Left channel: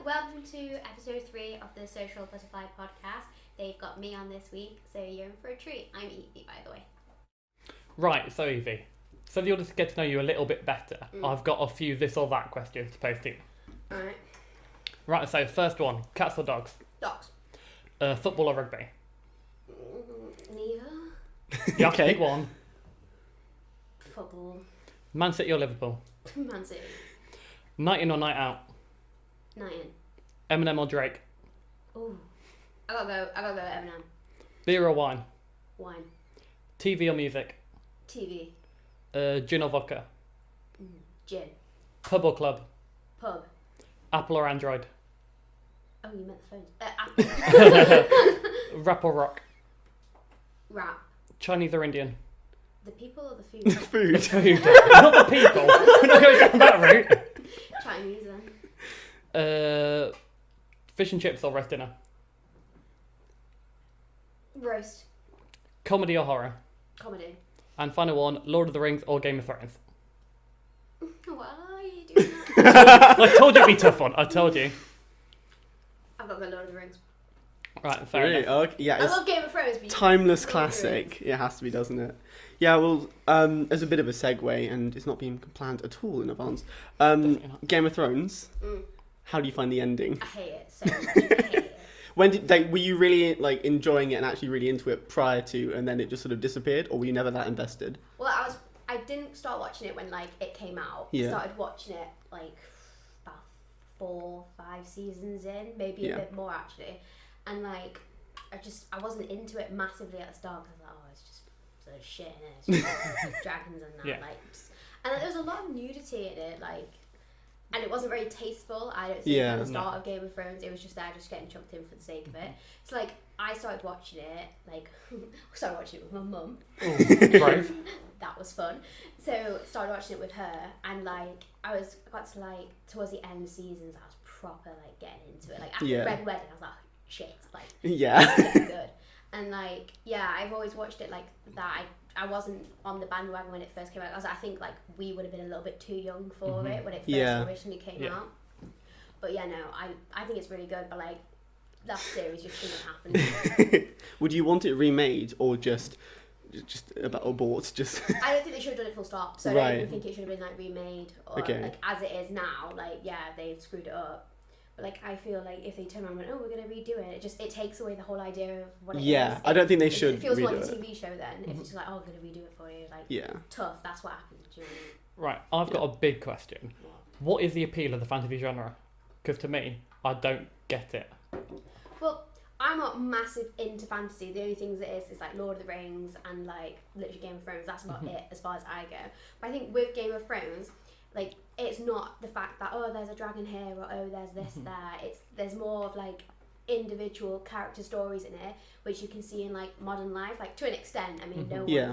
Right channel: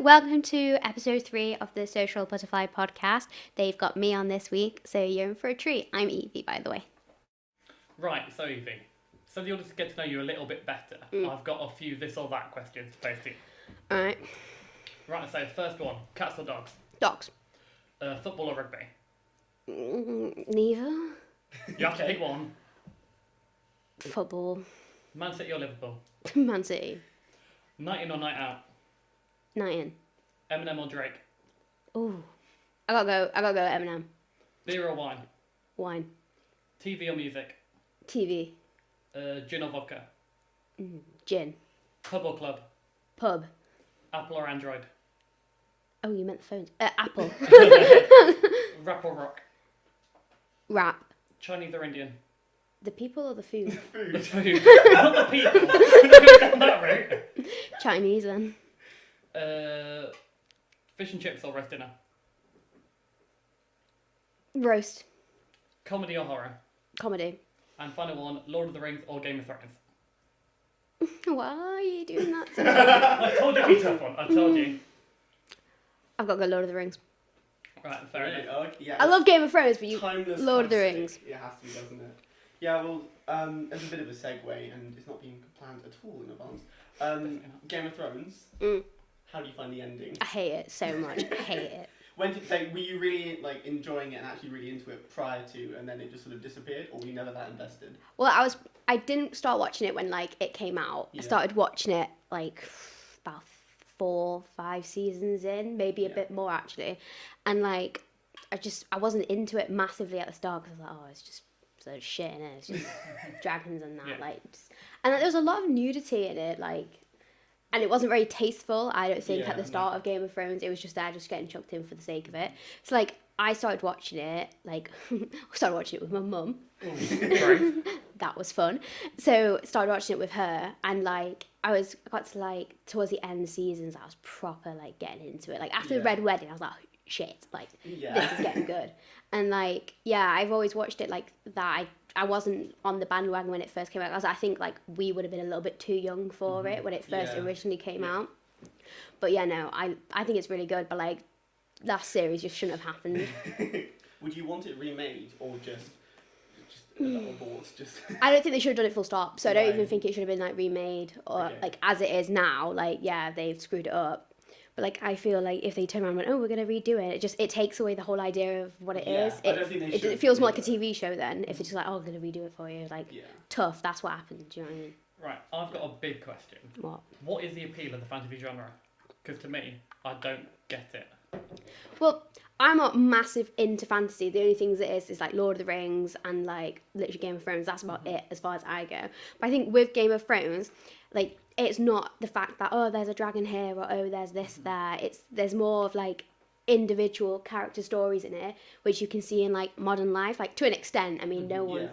welcome to episode 3 of the Social Butterfly podcast. They've got me on this week, so you're in for a treat. I'm Evie, by the way. Right, so Evie, so that you'll just get to know you a little bit better, I've got a few this or that questions to pose to you. Alright. Right, so first one, cats or dogs? Dogs. Football or rugby? Neither. You have to pick one. Football. Man City or Liverpool? Man City. Night in or night out? Night in. Eminem or Drake? Ooh. I gotta go Eminem. Beer or wine? Wine. TV or music? TV. Gin or vodka? Gin. Pub or club? Pub. Apple or Android? Oh, you meant the phones. Apple. Rap or rock? Rap. Chinese or Indian? The people or the food? Food. Not the people. We're not going to go that route. Chinese then. Fish and chips or roast dinner? Roast. Comedy or horror? Comedy. And final one, Lord of the Rings or Game of Thrones? Why are you doing that? I told you it'd be a tough one. I told you. I've got to go Lord of the Rings. Right, fair Really? enough. Okay. Yeah, I love Game of Thrones, but timeless Lord of the classic. Rings. It has to be, doesn't it? Yeah, well, as a bit of a segue, and it's not being planned at all in advance. Game of Thrones. How do you find the ending? I hate it so much. I hate it. When were you really enjoying it and actually really into it prior to, and then it just sort of disappeared, or were you never that invested? Well, I didn't start watching it when it came out. Yeah. I started watching it about 4-5 seasons in, maybe a bit more actually, and I wasn't into it massively at the start because I was like, oh, it's just so shit in it. It's just dragons and that, and there was a lot of nudity in it, and it wasn't very tasteful, I don't think, at the start of Game of Thrones. It was just there, just getting chucked in for the sake of it. So, I started watching it, started watching it with my mum. Oh, right. That was fun. So, started watching it with her, and, I got to, towards the end seasons, I was proper, getting into it. After the Red Wedding, I was like, oh, shit, yeah. it's getting good. And, I've always watched it like that. I wasn't on the bandwagon when it first came out. I think we would have been a little bit too young for it when it first originally came out. But no, I think it's really good. But that series just shouldn't have happened. Would you want it remade or just about abort? Just I don't think they should have done it full stop. So I don't even think it should have been remade or as it is now. They've screwed it up. But I feel if they turn around and went, oh, we're going to redo it, it takes away the whole idea of what it is. Yeah, I don't think they should. It feels more like a TV show then, if it's just oh, we're going to redo it for you. Tough, that's what happened. Do you know what I mean? Right, I've got a big question. What is the appeal of the fantasy genre? Because to me, I don't get it. Well, I'm not massive into fantasy. The only things it is Lord of the Rings and literally Game of Thrones. That's about it as far as I go. But I think with Game of Thrones, it's not the fact that there's a dragon here or there's this there. There's more of individual character stories in it, which you can see in modern life, to an extent. I mean, no one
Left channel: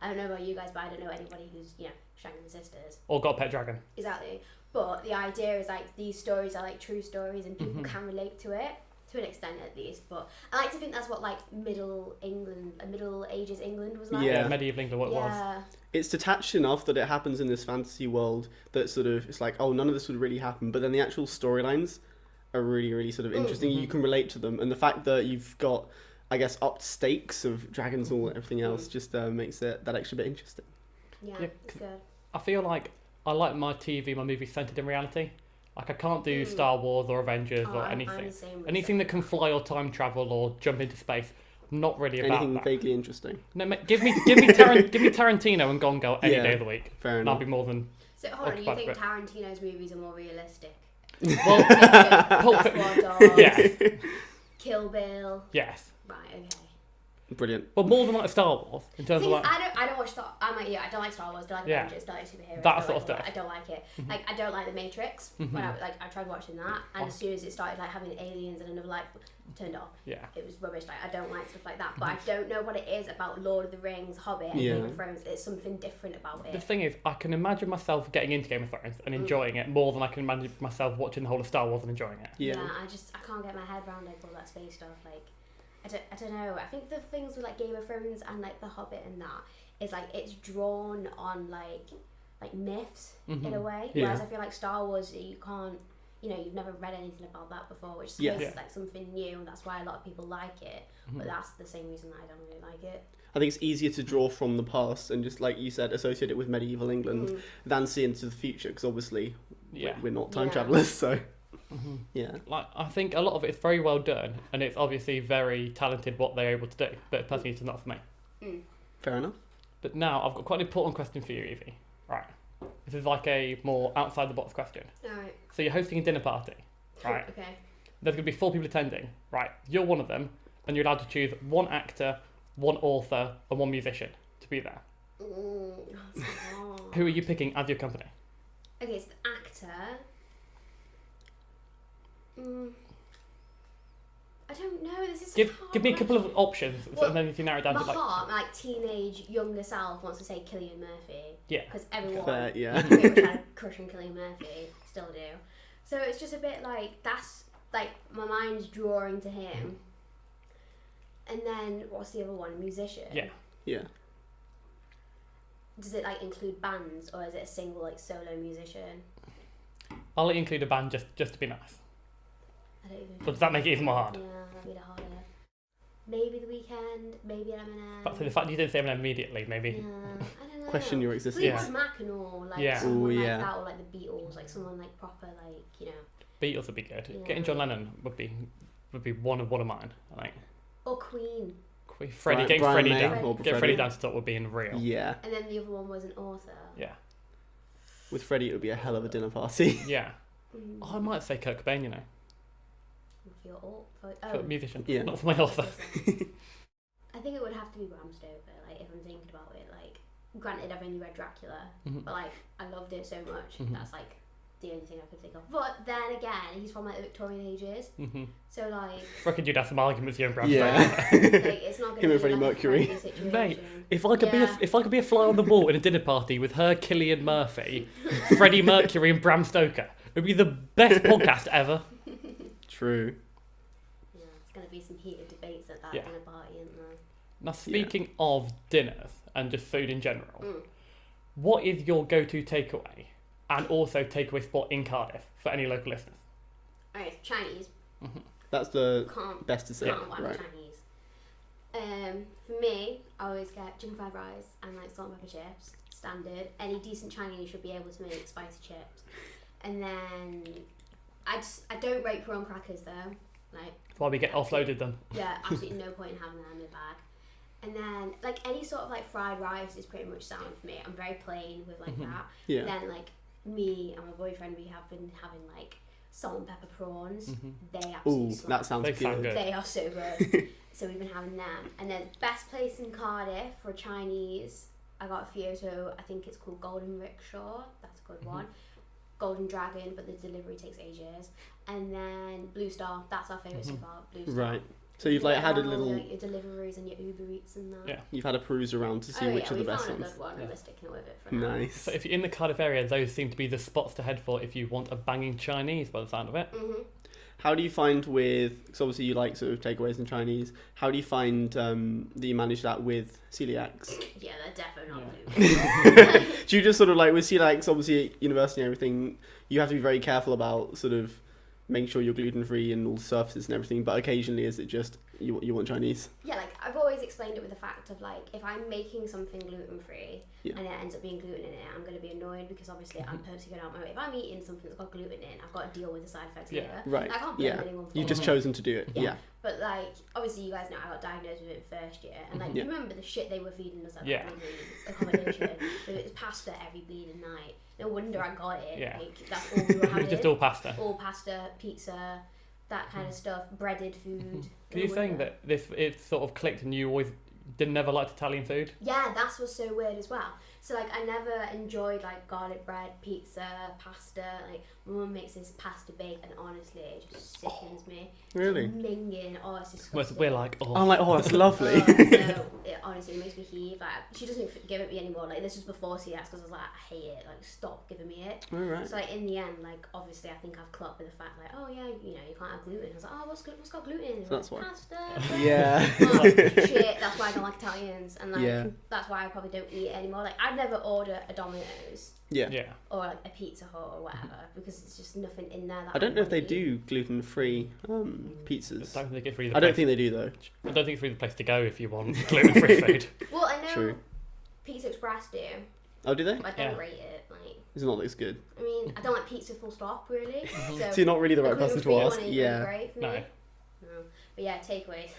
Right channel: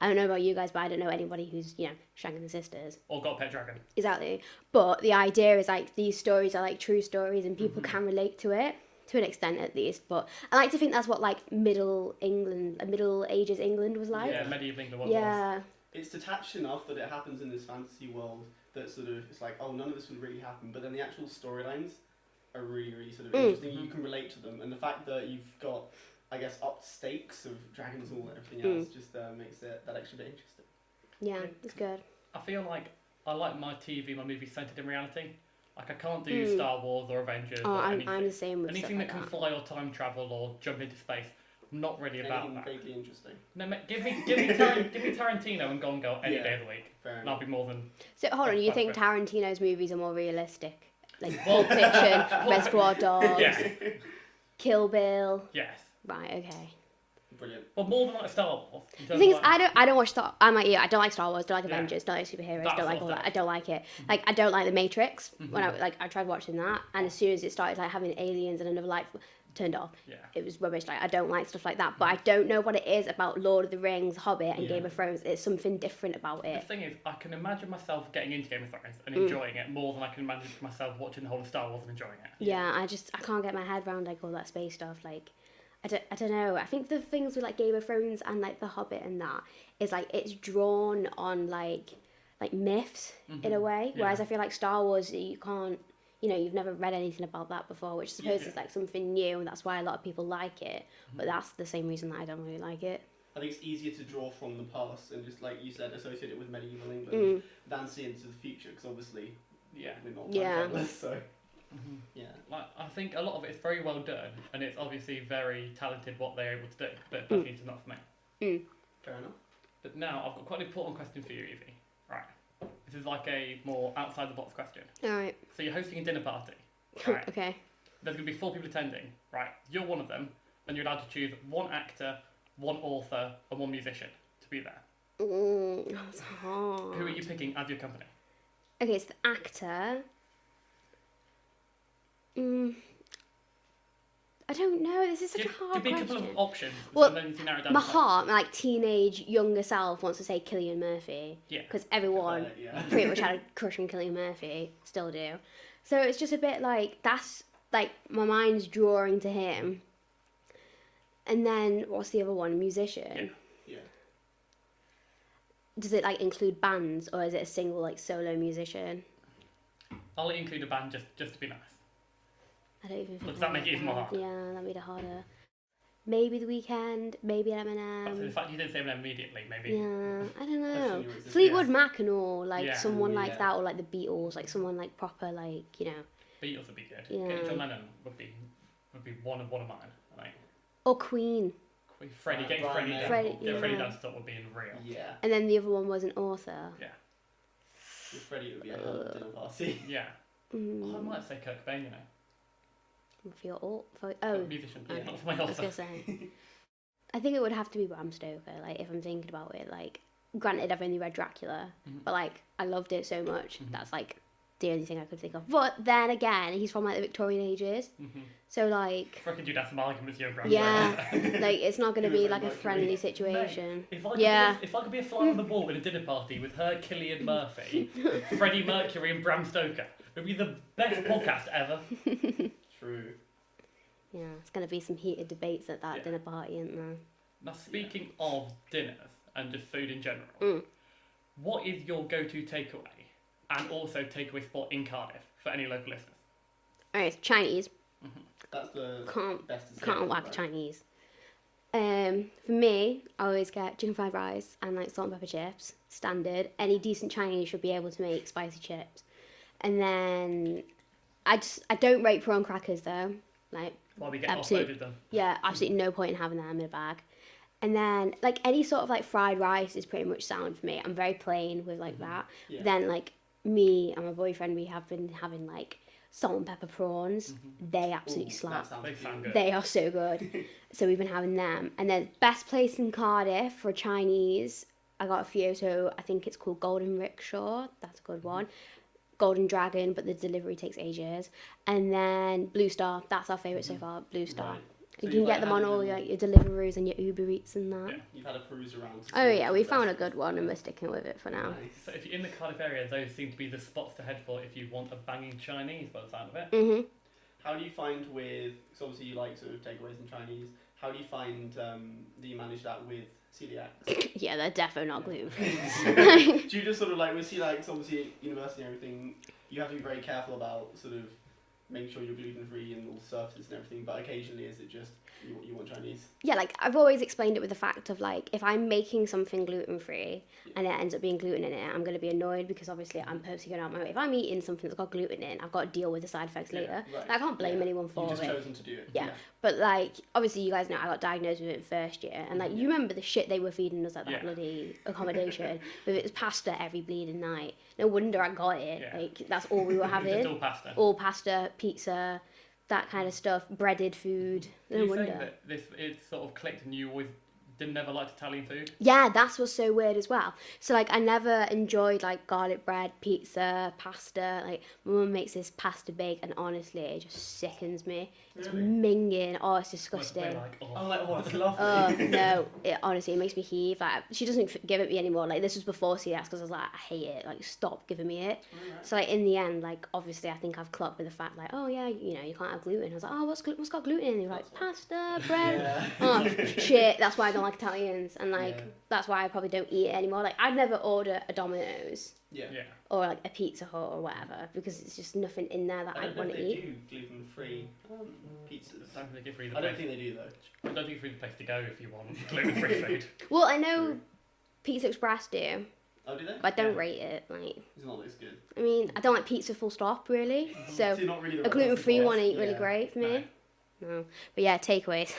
I don't know about you guys, but I don't know anybody who's shagging the sisters or got a pet dragon. Exactly. But the idea is these stories are true stories, and people can relate to it to an extent at least. But I like to think that's what Middle Ages England was like. Yeah, medieval England. What it was. It's detached enough that it happens in this fantasy world that sort of it's none of this would really happen, but then the actual storylines are really, really sort of interesting. You can relate to them, and the fact that you've got, I guess, upped stakes of dragons and everything else just makes it that extra bit interesting. Yeah, it's good. I feel I like my TV, my movies centered in reality. I can't do Star Wars or Avengers or anything. I'm the same with anything that can fly or time travel or jump into space. Not really about anything that. vaguely interesting. No, give me Tarantino and Gone Girl any day of the week. Fair enough. That'll be more than. So hold on, you think Tarantino's movies are more realistic? Well, Reservoir Dogs, yes. Kill Bill. Yes. Right. Okay. Brilliant. But more than Star Wars. In terms the thing of is, I don't watch Star. I don't like Star Wars. Don't like Avengers. Don't like superheroes. Don't like all that. I don't like it. I don't like the Matrix. When I tried watching that, and as soon as it started having aliens and another life, turned off. Yeah. It was rubbish. I don't like stuff like that. But I don't know what it is about Lord of the Rings, Hobbit, and Game of Thrones. It's something different about it. The thing is, I can imagine myself getting into Game of Thrones and enjoying it more than I can imagine myself watching the whole of Star Wars and enjoying it. Yeah, I can't get my head around all that space stuff. I don't know. I think the things with Game of Thrones and The Hobbit and that is it's drawn on myths in a way. Whereas I feel Star Wars, you you've never read anything about that before, which I suppose is like something new, and that's why a lot of people like it. But that's the same reason that I don't really like it. I think it's easier to draw from the past and just, like you said, associate it with medieval England than see into the future, because obviously we're not time travelers, so Like, I think a lot of it is very well done, and it's obviously very talented what they're able to do, but personally it's not for me. Fair enough. But now I've got quite an important question for you, Evie. Right. This is like a more outside the box question. Alright. So you're hosting a dinner party. Right. Okay. There's going to be 4 people attending. Right. You're one of them, and you're allowed to choose 1 actor, 1 author, and 1 musician to be there. That's hard. Who are you picking as your company? Okay, so the actor. I don't know. This is such a hard Give me a couple of question. options, Well, and then you can narrow it down. My to heart, like teenage younger self, wants to say Cillian Murphy. Yeah. Because everyone Yeah. pretty much had a crush on Cillian Murphy, still do. So it's just a bit like that's like my mind's drawing to him. And then what's the other one? Musician. Yeah. Yeah. Does it like include bands, or is it a single like solo musician? I'll include a band just to be nice. I don't even. But does that make it even more hard? Yeah, that made it harder. Maybe The Weeknd, maybe Eminem. But the fact you didn't say Eminem immediately, maybe. Yeah, I don't know. Question your existence. Fleetwood Mac and all, like someone Ooh, like yeah. that, or like the Beatles, like someone like proper, like Beatles would be good. Yeah. Getting John Lennon would be one of mine. I think. or Queen. Freddie, getting Brian Freddie May down, or get Freddie. Freddie down to top would be unreal. Yeah. And then the other one was an author. Yeah. With Freddie, it would be a hell of a dinner party. Yeah. Mm. Oh, I might say Kurt Cobain, you know. For your For oh, a musician. Yeah. Not for my I was author. gonna say. I think it would have to be Bram Stoker. Like if I'm thinking about it, like granted I've only read Dracula, but like I loved it so much. That's like the only thing I could think of. But then again, he's from like the Victorian ages, so like. I reckon you'd have some arguments here in Bram Yeah, Stoker. like it's not going Him to and be like Freddie a Mercury. friendly Mate, situation. if I could be a fly on the wall in a dinner party with her, Cillian Murphy, Freddie Mercury, and Bram Stoker, it would be the best podcast ever. True. Yeah, it's going to be some heated debates at that dinner party, isn't there? Now, speaking of dinners and just food in general, what is your go-to takeaway and also takeaway spot in Cardiff for any local listeners? Alright, it's Chinese. That's the Can't best to say. can't whack Chinese. For me, I always get chicken fried rice and like salt and pepper chips, standard. Any decent Chinese should be able to make spicy chips. And then I don't rate prawn crackers though. Like Why we get offloaded them. yeah, absolutely no point in having them in a bag. And then like any sort of like fried rice is pretty much sound for me. I'm very plain with like that. Yeah. Then like me and my boyfriend, we have been having like salt and pepper prawns. They absolutely slap. That sounds good. They are so good. So we've been having them. And then best place in Cardiff for Chinese, I got a few. So I think it's called Golden Rickshaw. That's a good one. Golden Dragon, but the delivery takes ages. And then Blue Star. That's our favourite so far. Blue Star. Right. So you you've can like get them had on a all little, like, your Deliveroo's and your Uber Eats and that. Yeah. you've had a peruse around to see Oh which yeah, are we the best found a ones. good one and we're sticking with it for now. Nice. So if you're in the Cardiff area, those seem to be the spots to head for if you want a banging Chinese by the sound of it. How do you find with, because obviously you like sort of takeaways and Chinese, how do you find that you manage that with celiacs? Yeah, they're definitely not gluten. Do you just sort of like, with celiacs, obviously at university and everything, you have to be very careful about sort of making sure you're gluten-free and all the surfaces and everything, but occasionally is it just, you want Chinese? Yeah, like I've always explained it with the fact of like if I'm making something gluten-free and it ends up being gluten in it, I'm going to be annoyed because obviously I'm purposely going out my way. If I'm eating something that's got gluten in, I've got to deal with the side effects later. Right. I can't blame anyone for You've just it. chosen to do it. Yeah. But like, obviously you guys know I got diagnosed with it in first year, and like you remember the shit they were feeding us at that bloody accommodation. It was pasta every bleeding night. No wonder I got it. Yeah. Like that's all we were having. Just all pasta. All pasta, pizza, that kind of stuff, breaded food. Are you saying that it sort of clicked and you always never liked Italian food? Yeah, that's what's so weird as well. So like I never enjoyed like garlic bread, pizza, pasta. Like my mum makes this pasta bake and honestly it just sickens me. Really? It's minging. Oh, it's disgusting. We're like, oh. I'm like, oh, that's lovely. No, it honestly it makes me heave. Like she doesn't give it me anymore. Like this was before CS because I was like, I hate it. Like stop giving me it. Alright. So like in the end, like obviously I think I've clocked with the fact like, oh yeah, you know you can't have gluten. I was like, oh what's got gluten in? He's like That's why. pasta, bread. Yeah. Oh, shit, that's why I don't like Italians, and like Yeah. that's why I probably don't eat it anymore. Like I'd never order a Domino's Yeah. Yeah. or like a Pizza Hut or whatever because it's just nothing in there that I don't know if they eat. do gluten-free pizzas. I don't think it's really I don't think they do though. I don't think it's really the place to go if you want gluten-free food. Well, I know True. Pizza Express do, Oh, do they? but I don't Yeah. rate it. Like, It's not as good. I mean, I don't like pizza full stop really. So So you're not really the a right person gluten-free to one ask. ain't Yeah. really great for me. No. But yeah, takeaways.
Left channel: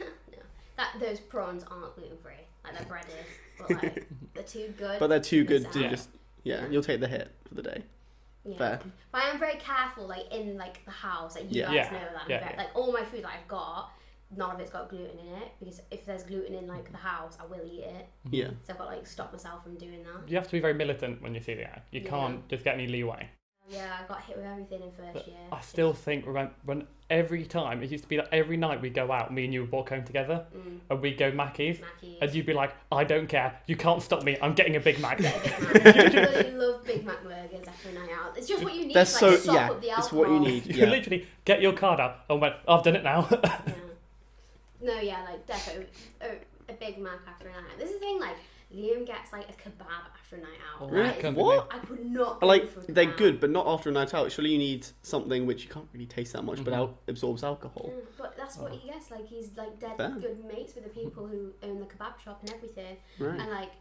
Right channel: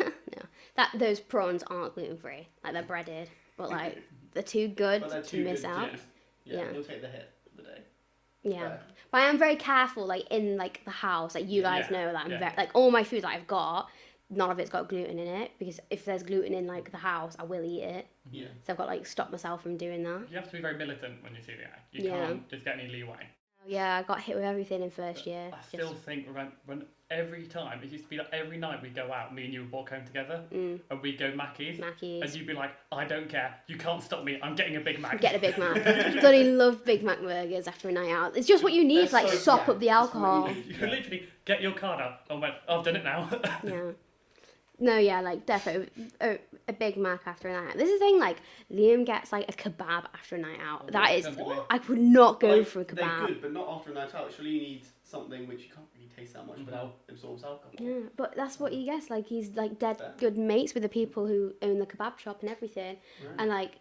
No, those prawns aren't gluten-free. Like they're breaded, but like they're too good. But they're too to miss good to out. just. Yeah. You'll take the hit for the day. Yeah, Fair. but I am very careful, like in like the house. Like you Yeah. guys Yeah. know that I'm Yeah. very like all my food that I've got, none of it's got gluten in it because if there's gluten in like the house, I will eat it. Yeah. So I've got to like stop myself from doing that. You have to be very militant when you see that. You Yeah. can't just get any leeway. Yeah, I got hit with everything in first year. I still think when every time, it used to be like every night we go out, me and you would walk home together, and we'd go Mackies, Mackies. and you'd be like, I don't care, you can't stop me, I'm getting a Big Mac. Get a Big Mac. I bloody love Big Mac burgers after a night out. It's just what you need They're to like so- sop yeah, up the it's alcohol. what you need. You Yeah. literally get your card out and went, I've done it now. Yeah. No, yeah, like definitely a Big Mac after a night out. This is the thing, like Liam gets like a kebab after a night out. Oh, that really? is Come What? I could not go Like for a kebab. they're good, but not after a night out. Surely you need something which you can't really taste that much, but absorbs alcohol. Yeah, but that's what he gets. Like he's like dead Fair. good mates with the people who own the kebab shop and everything. Right. And like,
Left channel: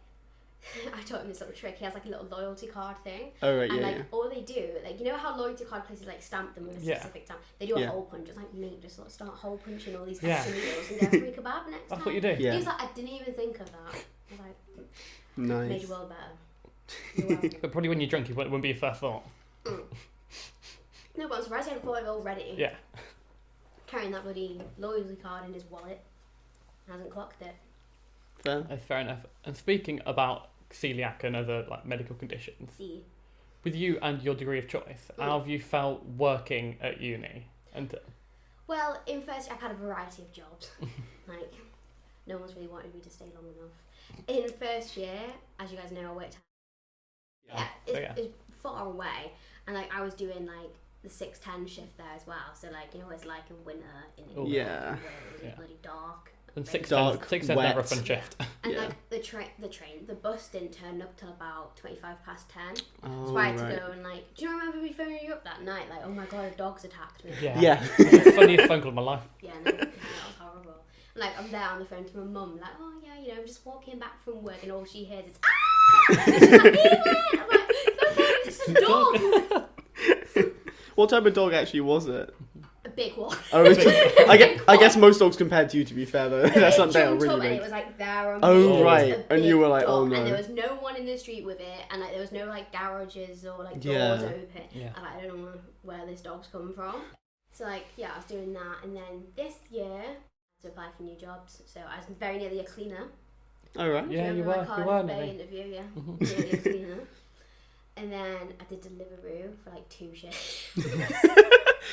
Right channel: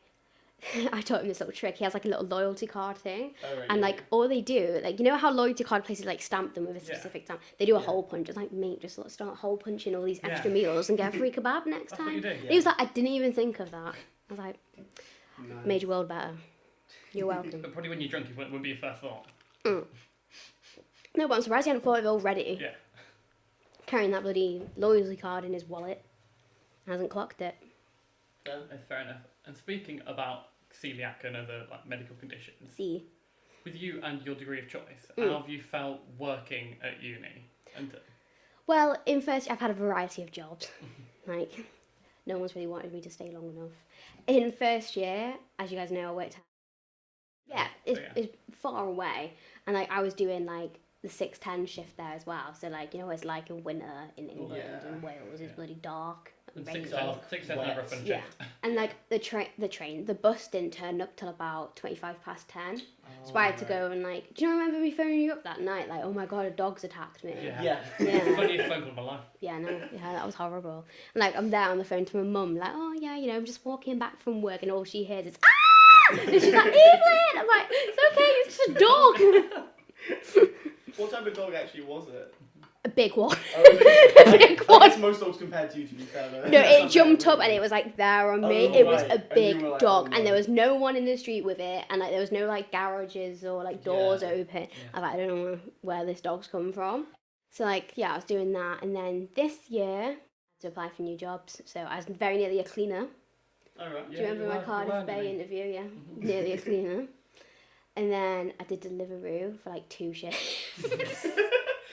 I taught him this little trick. He has like a little loyalty card thing. Oh right. And Yeah. like all they do, like you know how loyalty card places like stamp them with a Yeah. specific stamp. They do a Yeah. hole punch. It's like mate, just let's start hole punching all these Yeah. extra meals and get a free kebab next That's time. what you do. Yeah. He was like, I didn't even think of that. I was like, Nice. made your world better. You're welcome. But probably when you're drunk, it wouldn't be your first thought. No, but I'm surprised he hadn't thought of it already. Yeah. Carrying that bloody loyalty card in his wallet. Hasn't clocked it. Fair. Fair enough. And speaking about celiac and other like medical conditions, See. with you and your degree of choice, how have you felt working at uni? And Well, in first, I've had a variety of jobs. Like, no one's really wanted me to stay long enough. In first year, as you guys know, I worked. Yeah, it's far away, and like I was doing like the 6-10 shift there as well. So like you know what it's like in winter in England Yeah. and Wales. It's bloody dark. and rainy. six Dark, cents never a wet. fun Yeah. shift. And Yeah. like the bus didn't turn up till about 25 past 10. Oh, So I had to right. go and like, do you remember me phoning you up that night? Like, oh my god, a dog's attacked me. Yeah. Yeah. It's the funniest phone call of my life. Yeah, no, yeah, that was horrible. And like, I'm there on the phone to my mum, like, oh yeah, you know, I'm just walking back from work, and all she hears is ah. And she's like, Evie! I'm like, it's okay, it's just a dog. What type of dog actually was it? A big one. Oh, I guess most dogs compared to you, to be fair though. No, That's it not fair, jumped really up and big. it was like there on me. Oh, It was right. a And big you were like, dog, oh, no. and there was no one in the street with it, and like there was no like garages or like doors Yeah. open. Yeah. I was like, I don't know where this dog's come from. So like, yeah, I was doing that, and then this year I had to apply for new jobs. So I was very nearly a cleaner. Oh right. Do you Yeah, remember you my were Cardiff Bay nearly. interview? Yeah, nearly a cleaner. And then I did Deliveroo for like 2 shifts.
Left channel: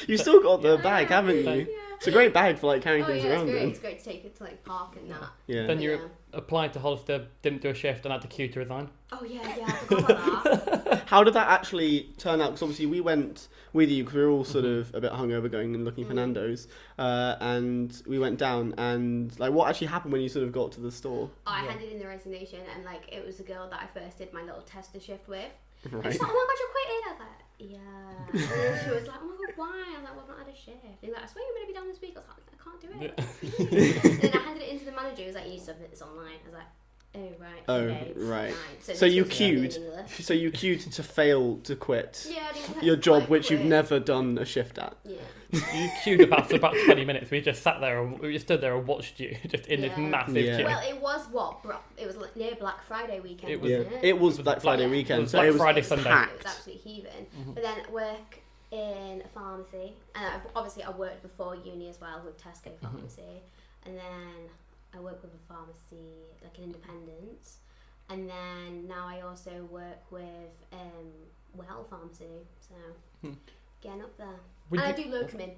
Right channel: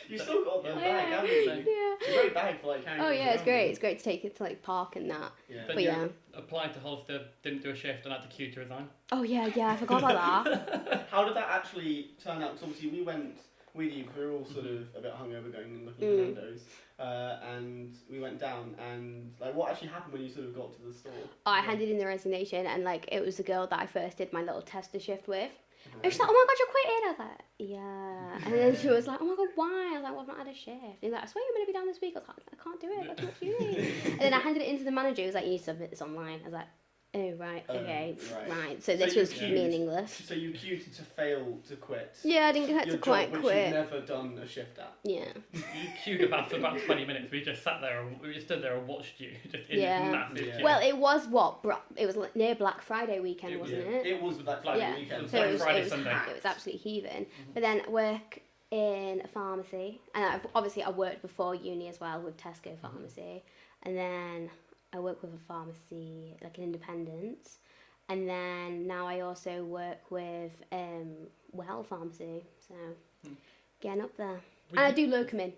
You've still got the Yeah. bag, haven't you? Yeah. It's a great bag for like carrying Oh things yeah, it's around. great. in. It's great to take it to like park and that. Yeah. Then But you yeah. applied to Hollister, didn't do a shift, and had to queue to resign. Oh yeah, I forgot about that. How did that actually turn out? Because obviously we went with you because we were all sort of a bit hungover going and looking for Nando's, and we went down and like what actually happened when you sort of got to the store? I handed in the resignation, and like it was the girl that I first did my little tester shift with. And Right. she's like, "Oh my god, you're quitting!" I was like, "Yeah." And then she was like, "Oh my god, why?" I was like, "Well, I've not had a shift." And he's like, "I swear you're gonna be down this week." I was like, "I can't do it. That's not for you." And then I handed it into the manager. He was like, "You need to submit this online." I was like, "Oh right, Oh, okay, right. So So this you was me in queued. English. So you queued to fail to quit Yeah, I didn't your job, quite which quit. you've never done a shift at. Yeah. You queued for about 20 minutes. We just sat there, and we just stood there and watched you, just in Yeah. this massive Yeah. queue. Well, it was it was like near Black Friday weekend, It- wasn't it? It was Black Friday Yeah. weekend, It was so Black it was Friday, it was Sunday. packed. It was absolutely heaving. But then I work in a pharmacy, and obviously I worked before uni as well with Tesco Pharmacy, and then I work with a pharmacy like an independent, and then now I also work with Well Pharmacy, so getting up there. Would And I you- do locum in.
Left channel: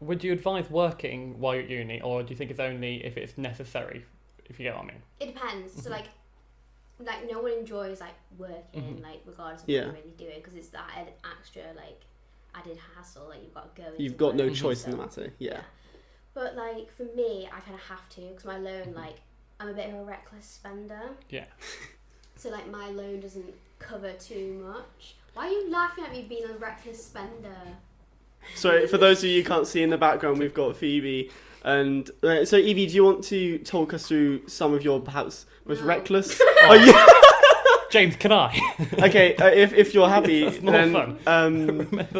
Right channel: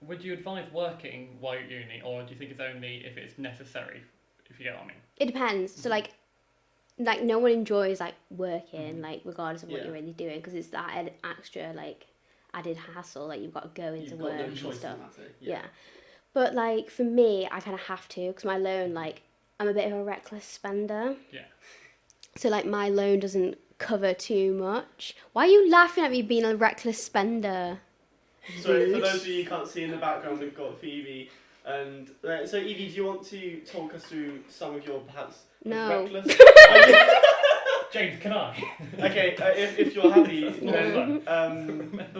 Would you advise working while you're at uni, or do you think it's only if it's necessary, if you get what I mean? It depends. So like no one enjoys like working like regardless of what Yeah. you're really doing because it's that extra like added hassle. Like you've got to go into You've got no work and choice in the stuff. matter. Yeah. But like for me, I kind of have to because my loan like I'm a bit of a reckless spender. Yeah. So like my loan doesn't cover too much. Why are you laughing at me being a reckless spender? So for those of you who can't see in the background, we've got Phoebe. And so Evie, do you want to talk us through some of your perhaps most reckless? Oh, yeah. James, can I? Okay, if you're happy, then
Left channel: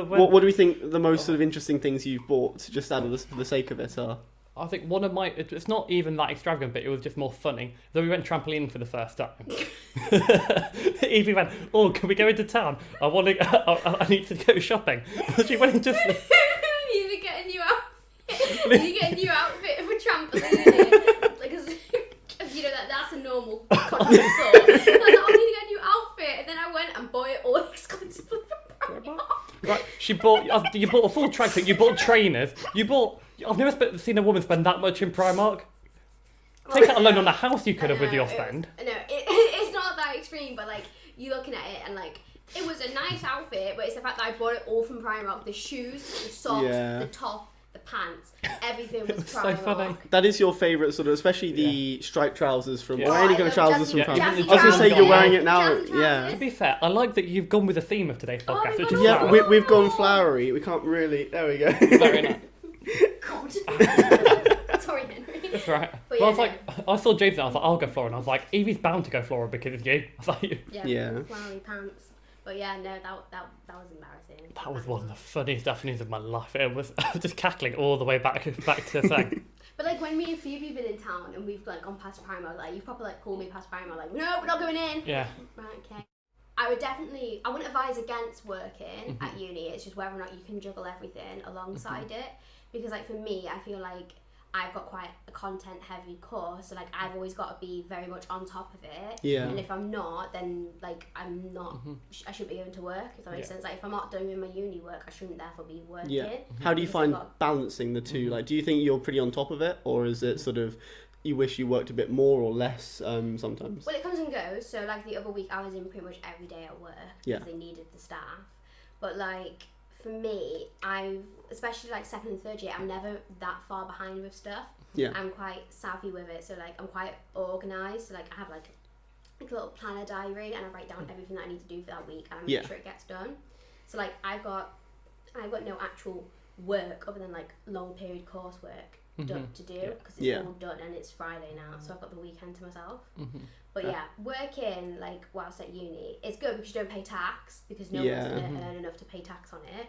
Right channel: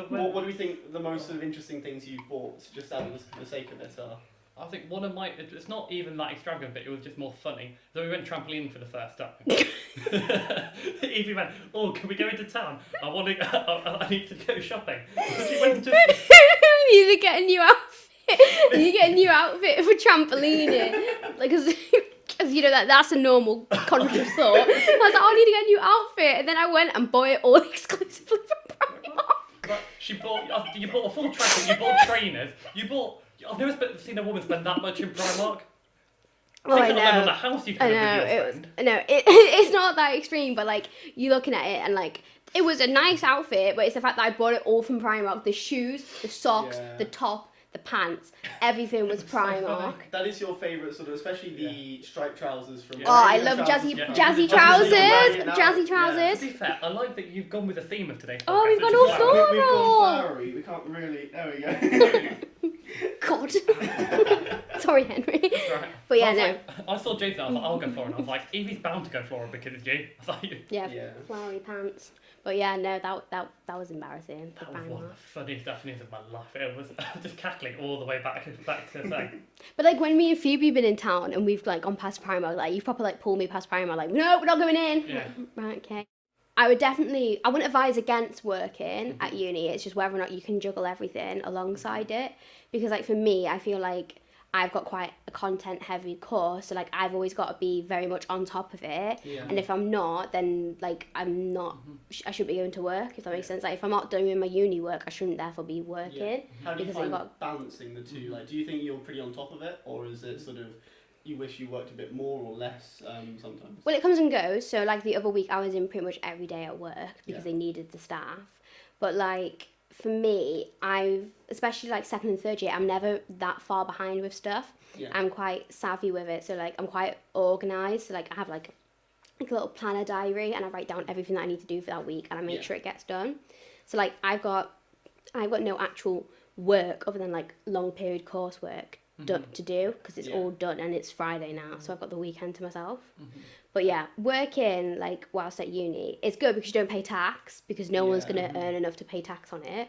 what do we think the most sort of interesting things you've bought, just out of the sake of it, are? I think one of my, it's not even that extravagant, but it was just more funny. So we went trampolining for the first time. Evie went, oh, can we go into town? I need to go shopping. She went into... You need to get a new outfit. You need to get a new outfit for trampolining. Because you know that's a normal confident thought. I was like, oh, I need to get a new outfit. And then I went and bought it all exclusively from Primark. Right, you bought a full tracksuit, you bought trainers, I've never seen a woman spend that much in Primark. I think alone on a house you could have with your friend. It's not that extreme, but like you're looking at it and like it was a nice outfit, but it's the fact that I bought it all from Primark. The shoes, the socks, the top, the pants, everything was Primark. So funny. That is your favourite sort of, especially the striped trousers from. Oh, I love jazzy trousers. Jazzy trousers. Yeah. To be fair, I like that you've gone with the theme of today's podcast. Oh, we've gone flowery. We can't really. There we go. God. Sorry, Henry. That's right. But yeah, like, I saw James and I was like, I'll go floral. And I was like, Evie's bound to go floral because it's you. I was like, yeah. Flowery pants. But yeah, no, that was embarrassing. That was one of the funniest afternoons of my life. I was just cackling all the way back to the thing. But like when me and Phoebe been in town and we've like gone past Primark, like you've proper like pulled me past Primark, like no, we're not going in. Yeah. Right, okay. I wouldn't advise against working at uni. It's just whether or not you can juggle everything alongside it. Because like for me, I feel like I've got quite a content heavy course, so like I've always got to be very much on top of it. Yeah. And if I'm not, then like I'm not. I shouldn't be going to work. If that makes sense. Like if I'm not doing my uni work, I shouldn't therefore be working. Yeah. How do you find balancing the two? Like, do you think you're pretty on top of it, or is it sort of you wish you worked a bit more or less sometimes? Well, it comes and goes. So like the other week, I was in pretty much every day at work because they needed the staff. But like for me, especially like second and third year, I'm never that far behind with stuff. Yeah. I'm quite savvy with it, so like I'm quite organised. So like I have like a little planner diary, and I write down everything that I need to do for that week, and I make sure it gets done. So like I've got no actual work other than like long period coursework to do because it's all done, and it's Friday now, so I've got the weekend to myself. But yeah, working like whilst at uni, it's good because you don't pay tax because no one's gonna earn enough to pay tax on it.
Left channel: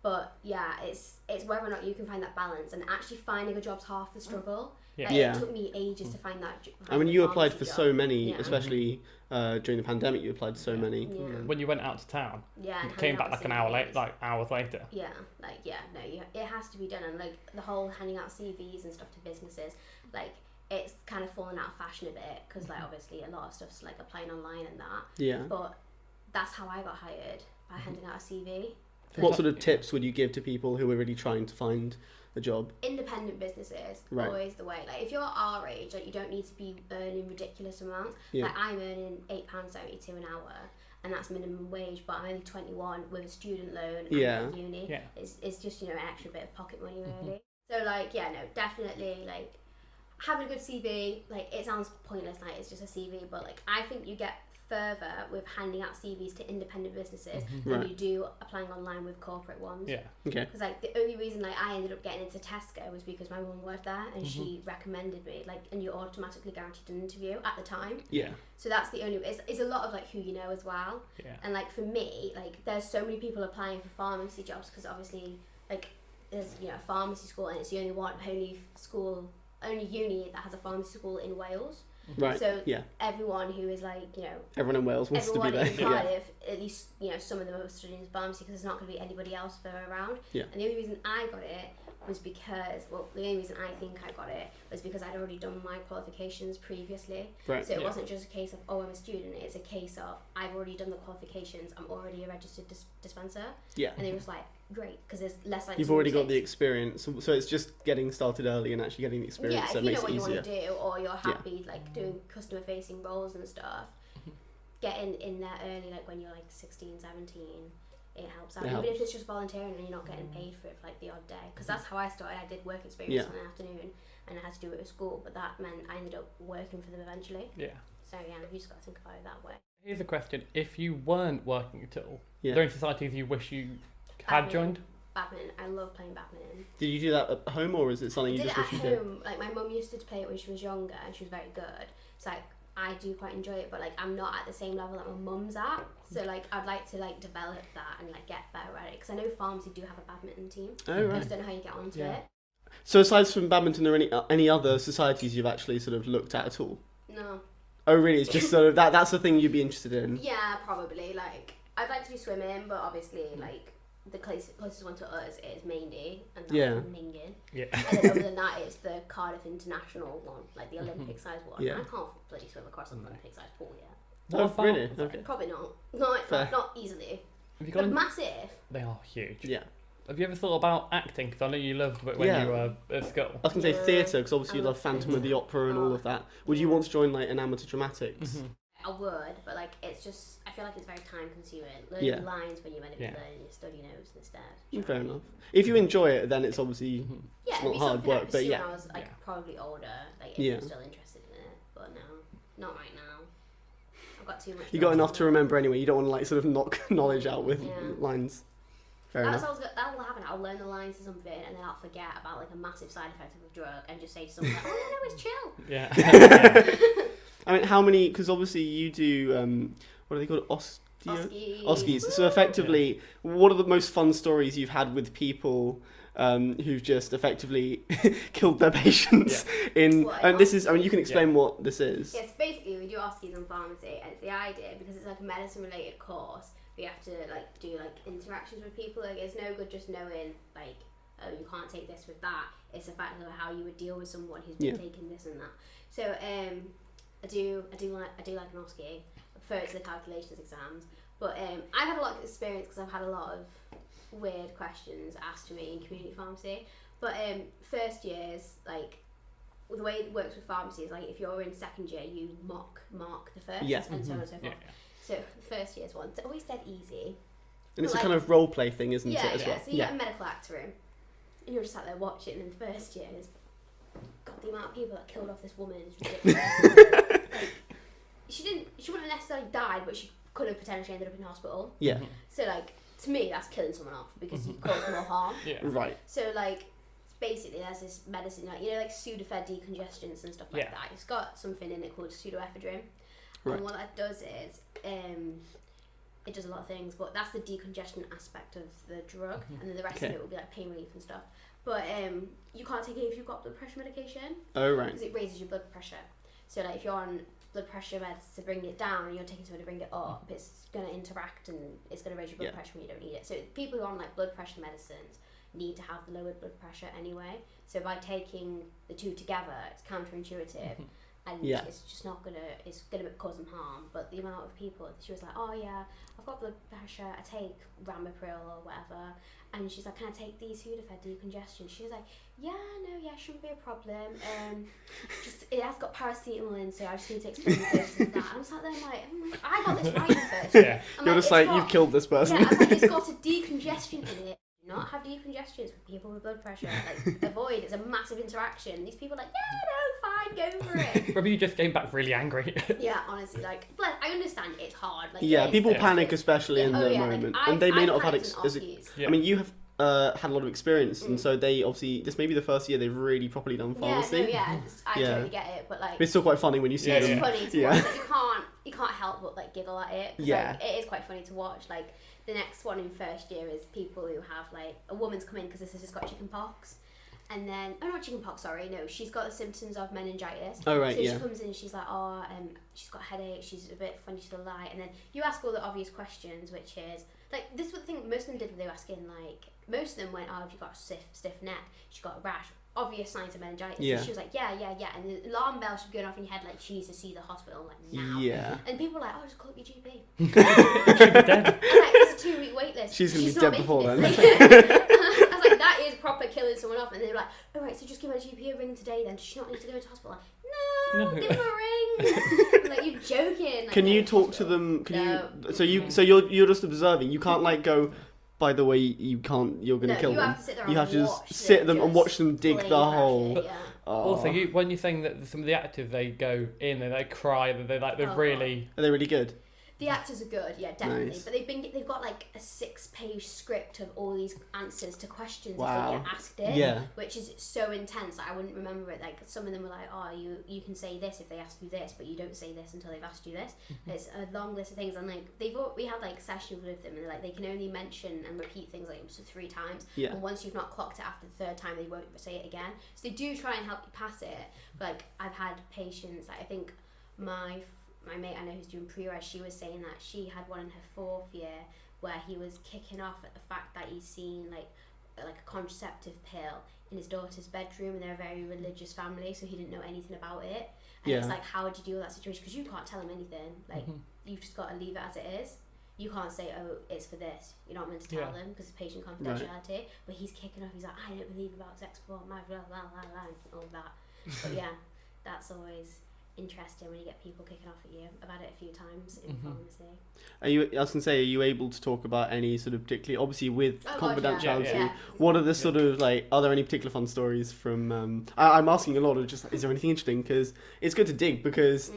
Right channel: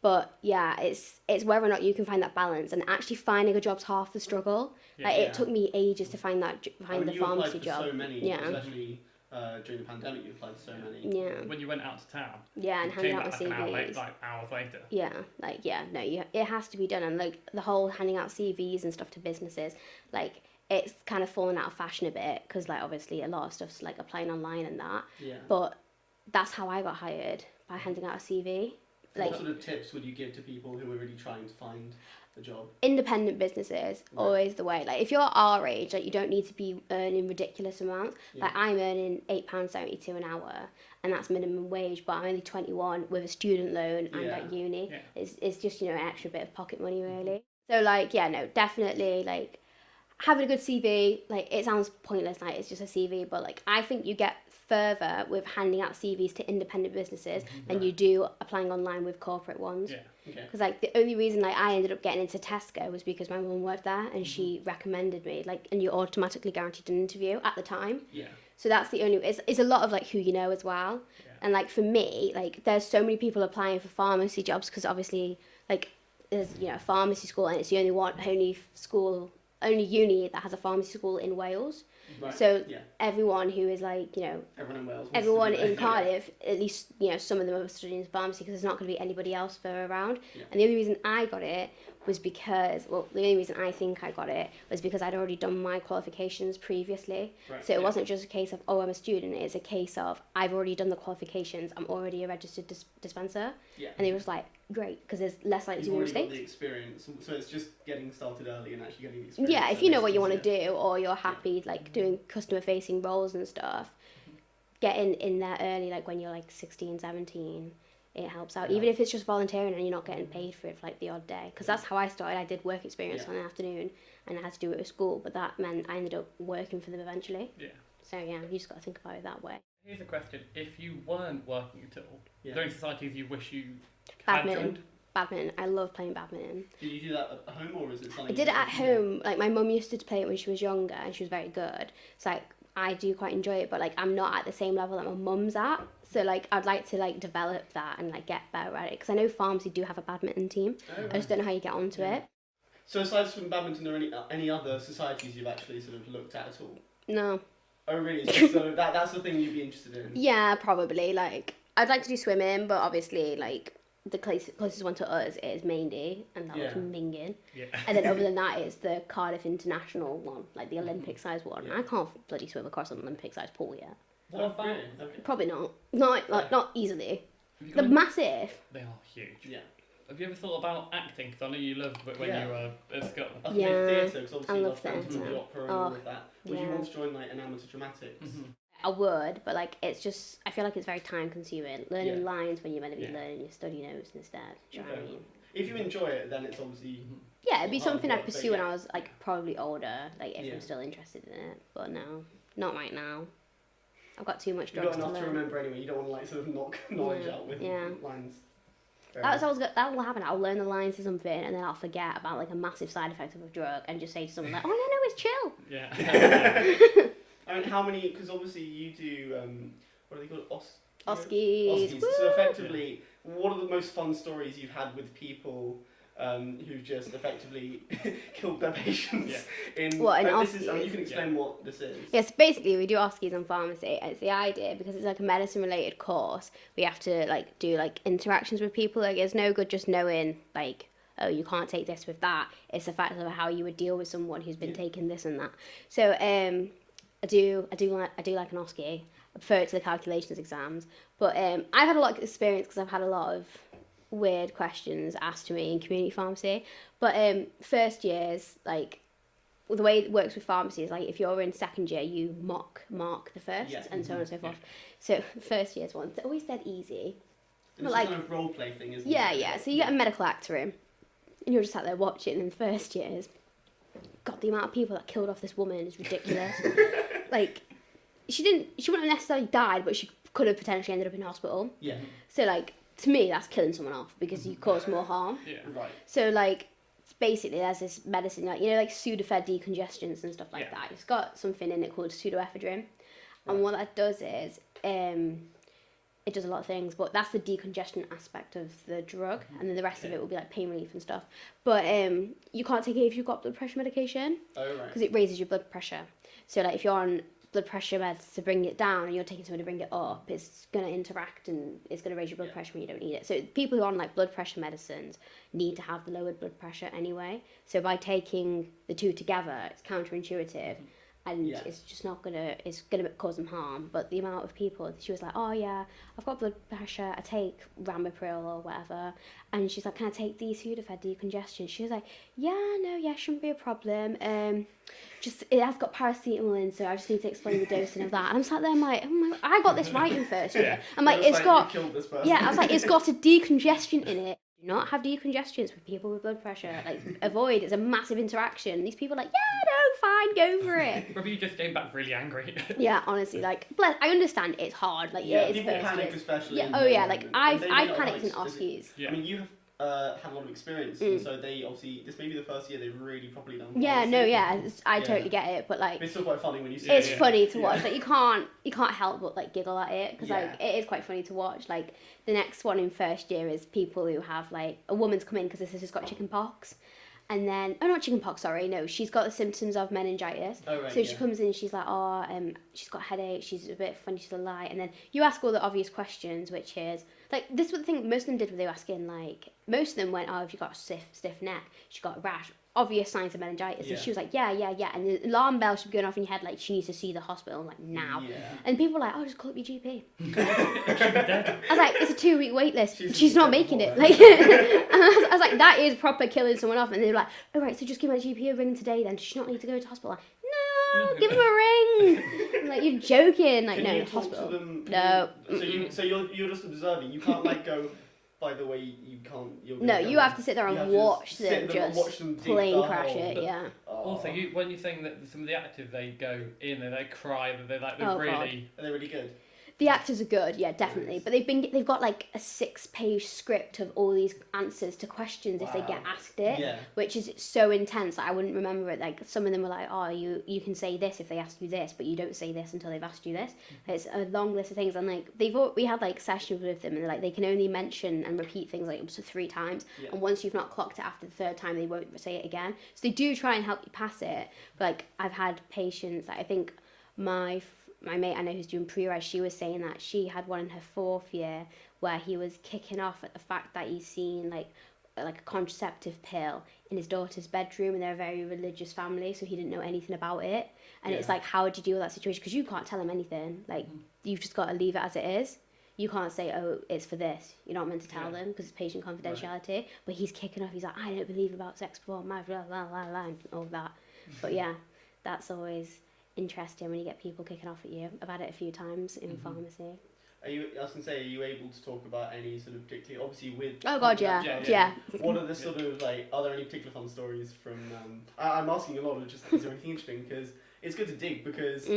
But yeah, it's whether or not you can find that balance, and actually finding a job's half the struggle. Yeah. Like, it took me ages to find that. I mean, you applied for so many, especially during the pandemic. You applied to so many. Yeah. When you went out to town. Yeah, and came back like an hour late, like hours later. Yeah, like it has to be done, and like the whole handing out CVs and stuff to businesses, like it's kind of fallen out of fashion a bit because like obviously a lot of stuff's like applying online and that. Yeah. But that's how I got hired, by handing out a CV. What sort of tips would you give to people who are really trying to find a job? Independent businesses, always the way. Like if you're our age, like you don't need to be earning ridiculous amounts. Like I'm earning £8.72 an hour, and that's minimum wage, but I'm only 21 with a student loan and at uni. Yeah. It's just, you know, an extra bit of pocket money really. So like, yeah, no, definitely like having a good CV, like it sounds pointless, like it's just a CV, but like I think you get further with handing out CVs to independent businesses than you do applying online with corporate ones. Yeah. Okay. Because like the only reason like I ended up getting into Tesco was because my mum worked there and she recommended me, like, and you're automatically guaranteed an interview at the time. Yeah. So that's the only. It's a lot of like who you know as well. Yeah. And like for me, like there's so many people applying for pharmacy jobs because obviously like there's, you know, a pharmacy school and it's the only uni that has a pharmacy school in Wales. Right. So everyone who is like, you know, everyone in Wales wants everyone to be there. in Cardiff, at least, you know, some of them are studying pharmacy because there's not going to be anybody else further around. Yeah. And the only reason I got it was because, well, the only reason I think I got it was because I'd already done my qualifications previously. Right. So it wasn't just a case of, oh, I'm a student. It's a case of I've already done the qualifications. I'm already a registered dispenser. Yeah. And it was like, great, because there's less like. You've already got the experience, so it's just getting started early and actually getting the experience. Yeah, if you know what you want to do, or you're happy like doing customer facing roles and stuff, getting in there early, like when you're like 16, 17, it helps out. Yeah. Even if it's just volunteering and you're not getting paid for it for like the odd day. Because that's how I started. I did work experience on the afternoon and I had to do it with school, but that meant I ended up working for them eventually. Yeah. So yeah, you just got to think about it that way. Here's a question. If you weren't working at all, are there any societies you wish you had joined? Badminton. I love playing badminton. Did you do that at home, or is it something I you did just it at wish you did? home. Like my mum used to play it when she was younger and she was very good. So like I do quite enjoy it, but like I'm not at the same level that my mum's at. So like I'd like to like develop that and like get better at it, because I know pharmacy do have a badminton team. Oh, right. I just don't know how you get onto it. So aside from badminton, are there any other societies you've actually sort of looked at all? No. Oh really? It's just sort of that's the thing you'd be interested in. Yeah, probably. Like I'd like to do swimming, but obviously like the closest one to us is Maindy, and that's Mingin. Yeah. And then other than that is the Cardiff International one, like the Olympic size one. Yeah. I can't bloody swim across an Olympic size pool yet. Oh, really? Okay. Probably not. Not easily. Have you They're got massive. They are huge. Yeah. Have you ever thought about acting? Because I know you loved it when you were at school. I was going to say Yeah. theatre, because obviously I you love love Phantom of the theatre. Opera and all of that. Would you want to join like an amateur dramatics? I would, but like it's just, I feel like it's very time consuming. Learning lines when you're meant to be learning your study notes instead. Fair enough. If you enjoy it, then it's obviously Yeah, it'd be hard something work, I'd but pursue yeah. when I was like probably older, like if I'm still interested in it. But no, not right now. I've got too much. You got enough to remember anyway. You don't want to like sort of knock knowledge out with Yeah. lines. Fair That enough. will happen. I'll learn the lines to something and then I'll forget about like a massive side effect of a drug and just say to someone like, "Oh no, it's chill." Yeah. I mean, how many? Because obviously you do. What are they called? Oskies. So effectively, what are the most fun stories you've had with people who've just effectively killed their patients in? And this is. I mean, you can explain what this is. Yes, basically we do Oskies in pharmacy, and it's the idea because it's like a medicine-related course. We have to like do like interactions with people. Like it's no good just knowing like, oh, you can't take this with that. It's the fact of how you would deal with someone who's been taking this and that. So I do like an Oskie. I prefer it to the calculations exams, but I've had a lot of experience because I've had a lot of weird questions asked to me in community pharmacy. But first years, like the way it works with pharmacy is like if you're in second year, you mark the first, and so on and so forth. So the first year's one, it's always dead easy. And it's like, a kind of role play thing, isn't it? Yeah. So you get a medical actor in, and you're just sat there watching. In the first years, God, the amount of people that killed off this woman is ridiculous. Like, she wouldn't have necessarily died, but she could have potentially ended up in hospital. Yeah. So like, to me, that's killing someone off because you cause more harm. Yeah. Right. So like, basically, there's this medicine, like like Sudafed decongestants and stuff like that. It's got something in it called pseudoephedrine, and what that does is, it does a lot of things, but that's the decongestion aspect of the drug, and then the rest of it will be like pain relief and stuff. But you can't take it if you've got blood pressure medication. Oh right. Because it raises your blood pressure. So like if you're on blood pressure meds to bring it down and you're taking something to bring it up, it's going to interact and it's going to raise your blood pressure when you don't need it. So people who are on like blood pressure medicines need to have the lowered blood pressure anyway. So by taking the two together, it's counterintuitive. And it's just not it's gonna cause them harm. But the amount of people, she was like, oh yeah, I've got blood pressure, I take Ramipril or whatever. And she's like, can I take these Sudafed decongestion? She was like, shouldn't be a problem. Just, it has got paracetamol in, so I just need to explain the dosing of that. And I'm sat there, I'm like, oh my, I got this right in first year. I'm like, it's like, you've killed this person. Yeah, I was like, it's got a decongestion in it. Do not have decongestants with people with blood pressure. Like, avoid, it's a massive interaction. These people are like, fine, go for it. Maybe you just came back really angry. Yeah, honestly, like, I understand it's hard. Like, people panic, especially in the moment. Like, and they may not have had Oskies. I mean, you have had a lot of experience, and so they obviously, this may be the first year they've really properly done pharmacy. I totally get it, but like, but it's still quite funny when you see it. It's funny to watch. Like, you can't help but like giggle at it because like, it is quite funny to watch. Like, the next one in first year is people who have like, a woman's come in because this has just got chicken pox. And then, not chicken pox, sorry, no, she's got the symptoms of meningitis. Oh, right, so she comes in, she's like, she's got a headache, she's a bit funny to the light. And then you ask all the obvious questions, which is, like, this was the thing most of them did when they were asking, like, most of them went, have you got a stiff neck? She got a rash. Obvious signs of meningitis. Yeah. And she was like, yeah. And the alarm bell should be going off in your head, like, she needs to see the hospital, like, now. Yeah. And people were like, just call up your GP. I was like, it's a 2-week wait list. She's not making it. Like, I was like, that is proper killing someone off. And they were like, all right, so just give my GP a ring today then. Does she not need to go to hospital? Like, no, give him a ring. Like, you're joking. Like, can no, you talk hospital. to them? No. So you're just observing. You can't like go, by the way, you're going to kill them. No, you have to sit there and watch them dig the hole. Yeah. Also, when you're saying that some of the actors, they go in and they cry, they're really... God. Are they really good? The actors are good, yeah, definitely. Nice. But they've got like a 6-page script of all these answers to questions if they get asked it, which is so intense that I wouldn't remember it. Like some of them were like, oh, you can say this if they ask you this, but you don't say this until they've asked you this. It's a long list of things, and like we had like sessions with them, and like they can only mention and repeat things like up to 3 times, and once you've not clocked it after the 3rd time, they won't say it again. So they do try and help you pass it. But like I've had patients that I think my mate I know who's doing pre-reg, she was saying that she had one in her 4th year where he was kicking off at the fact that he's seen like a contraceptive pill in his daughter's bedroom, and they're a very religious family, so he didn't know anything about it. And it's like, how would you deal with that situation? Because you can't tell him anything. Like you've just got to leave it as it is. You can't say, oh, it's for this. You're not meant to tell them because it's patient confidentiality. Right. But he's kicking off. He's like, I don't believe about sex before marriage, blah, blah, blah, blah, and all that. But yeah, that's interesting when you get people kicking off at you. I've had it a few times in pharmacy. I was going to say, are you able to talk about any sort of particularly, obviously with confidentiality, yeah. What are the sort of like, are there any particular fun stories from, I'm asking a lot of just, is there anything interesting? Because it's good to dig because,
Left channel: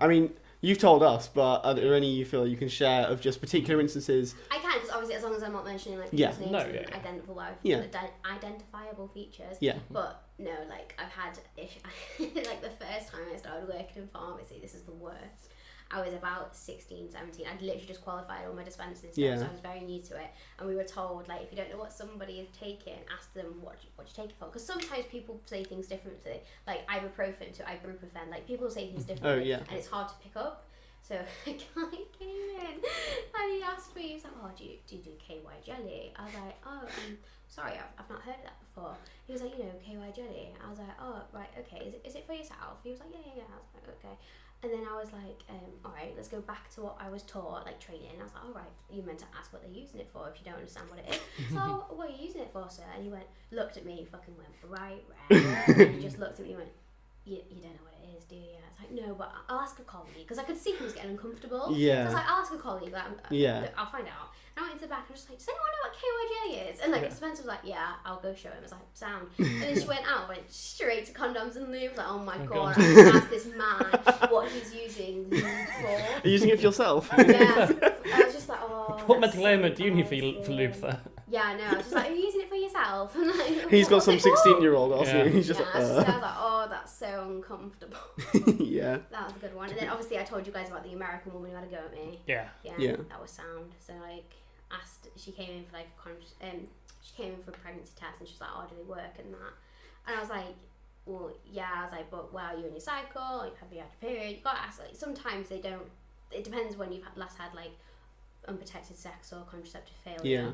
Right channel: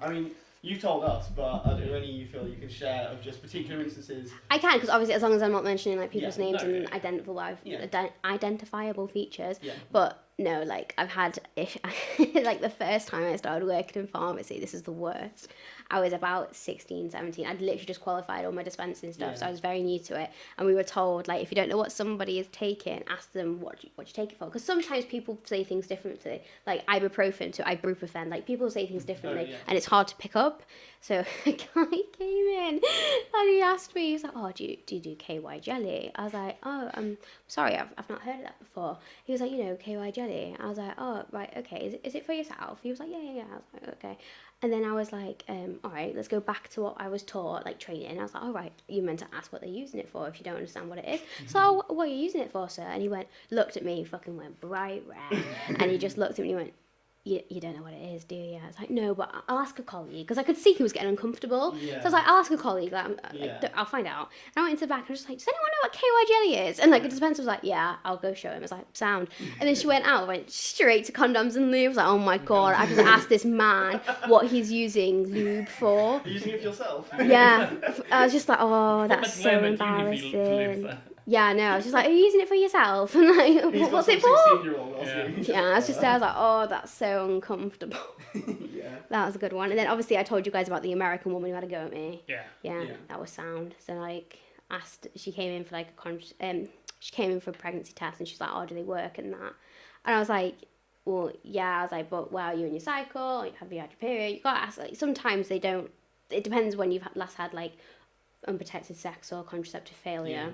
I mean, you've told us, but are there any you feel you can share of just particular instances? I can, because obviously as long as I'm not mentioning like people's names and identifiable features. Yeah. But no, like I've had, like the first time I started working in pharmacy, this is the worst. I was about 16, 17. I'd literally just qualified all my dispensing stuff, so I was very new to it. And we were told, like, if you don't know what somebody is taking, ask them what you take it for. Because sometimes people say things differently, like ibuprofen to ibuprofen. Like, people say things differently, and it's hard to pick up. So a guy came in and he asked me, he was like, oh, do you do KY jelly? I was like, oh, sorry, I've not heard of that before. He was like, KY jelly. I was like, oh, right, okay. Is it for yourself? He was like, yeah. I was like, okay. And then I was like, all right, let's go back to what I was taught, like training. I was like, all right, you meant to ask what they're using it for if you don't understand what it is. So, what are you using it for, sir? And he looked at me, he fucking went bright red. And he just looked at me and he went, you don't know what it is, do you? I was like, no, but I'll ask a colleague, because I could see he was getting uncomfortable. Yeah. So I was like, I'll ask a colleague, like, I'll find out. And I went into the back and I was just like, does anyone know what KY jelly is? And like the dispenser was like, yeah, I'll go show him. I was like, sound. And then she went out, went straight to condoms and lube. I was like, oh my god, I just asked this man what he's using lube for. Are you using it for yourself? Yeah. I was just like, oh, that's so embarrassing. Yeah, no, I was just like, are you using it for yourself? And like, he's got some 16-year-old asking. Yeah, I was like, oh, that's so uncomfortable. Yeah. That was a good one. And then obviously I told you guys about the American woman who had a go at me. Yeah. That was sound. So like, she came in for like she came in for a pregnancy test, and she's like, oh, do they work and that? And I was like, well, yeah. I was like, but well, you in your cycle, like, have you had your period? You gotta ask. Like, sometimes they don't. It depends when you've last had like unprotected sex or contraceptive failure. Yeah.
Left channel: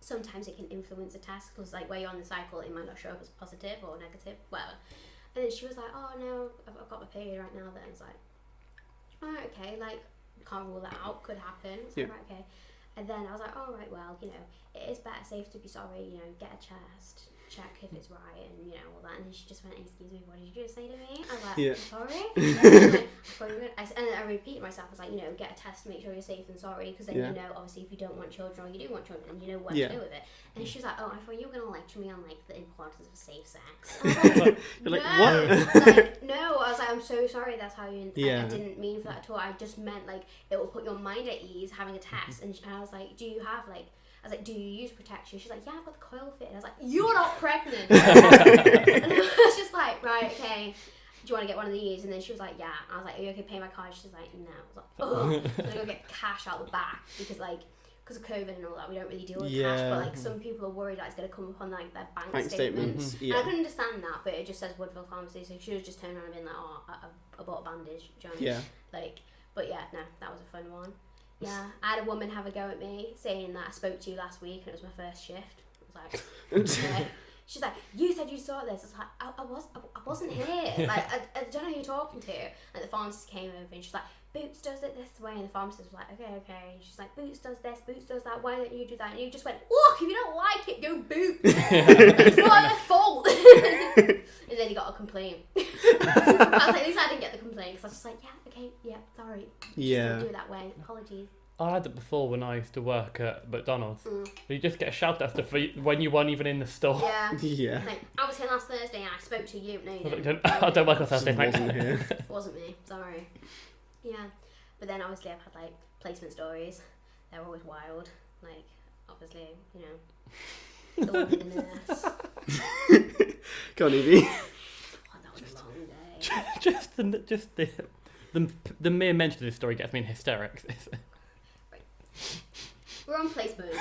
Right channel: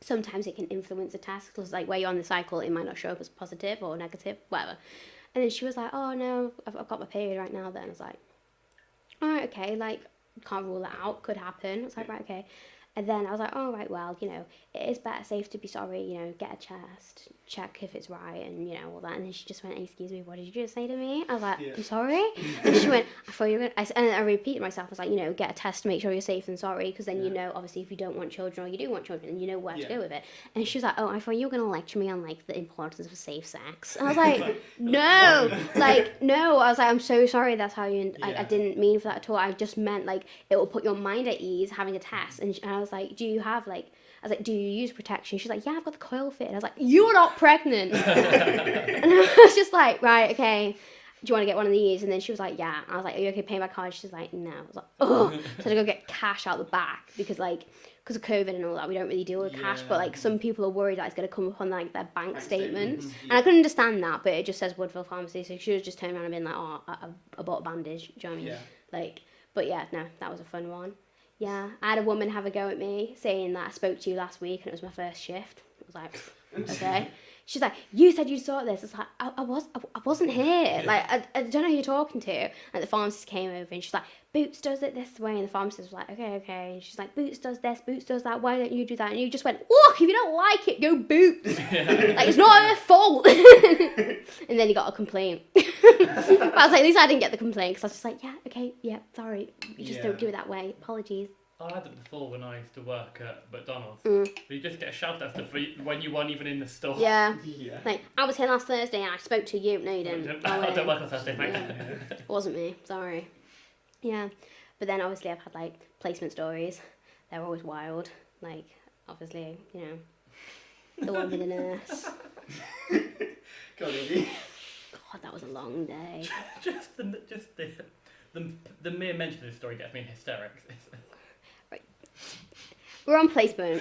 Sometimes it can influence a test, because like where you're on the cycle, it might not show up as positive or negative, whatever. And then she was like, oh no, I've got my period right now. Then I was like, all right, okay, like can't rule that out, could happen. I was like, right, okay. And then I was like, oh right, well, it is better safe to be sorry, get a test, check if it's right, and all that. And then she just went, excuse me, what did you just say to me? I was like, I'm sorry. And she went, I thought you were gonna, and I repeated myself. I was like, get a test to make sure you're safe and sorry, because then obviously if you don't want children or you do want children, then you know where to go with it. And she was like, oh, I thought you were gonna lecture me on like the importance of safe sex. And I was like, no, I was like, I'm so sorry. That's how you. I didn't mean for that at all. I just meant like it will put your mind at ease having a test. And I was like, do you have like? I was like, do you use protection? She's like, yeah, I've got the coil fit. And I was like, you're not pregnant. And I was just like, right, okay. Do you want to get one of these? And then she was like, yeah. I was like, are you okay paying by card? She's like, no. I was like, oh. So I had to go get cash out the back, because of COVID and all that, we don't really deal with cash. But like some people are worried that it's going to come up on like their bank statements. And I couldn't understand that, but it just says Woodville Pharmacy. So she should have just turned around and been like, oh, I bought a bandage. Do you know what I mean? Like, but yeah, no, that was a fun one. Yeah, I had a woman have a go at me saying that I spoke to you last week and it was my first shift. I was like, okay. She's like, you said you saw this. It's like, I wasn't here. Like, I don't know who you're talking to. And the pharmacist came over and she's like, Boots does it this way. And the pharmacist was like, okay. And she's like, Boots does this, Boots does that. Why don't you do that? And you just went, look, if you don't like it, go Boots. Like, it's not your fault. And then he got a complaint. But I was like, at least I didn't get the complaint, because I was just like, yeah, okay, yeah, sorry. Just don't do it that way. Apologies. I had it before when I used to work at McDonald's. You just get a shout tester for when you weren't even in the store. Yeah. Yeah. Like, I was here last Thursday and I spoke to you. No, you didn't. I don't work on Thursday, thanks. It wasn't me. Sorry. Yeah. But then obviously I've had like placement stories. They're always wild. Like, obviously, you know, the one with the nurse. Go on, Evie. God, that was a long day. just the mere mention of this story gets me in hysterics. Right. We're on placement,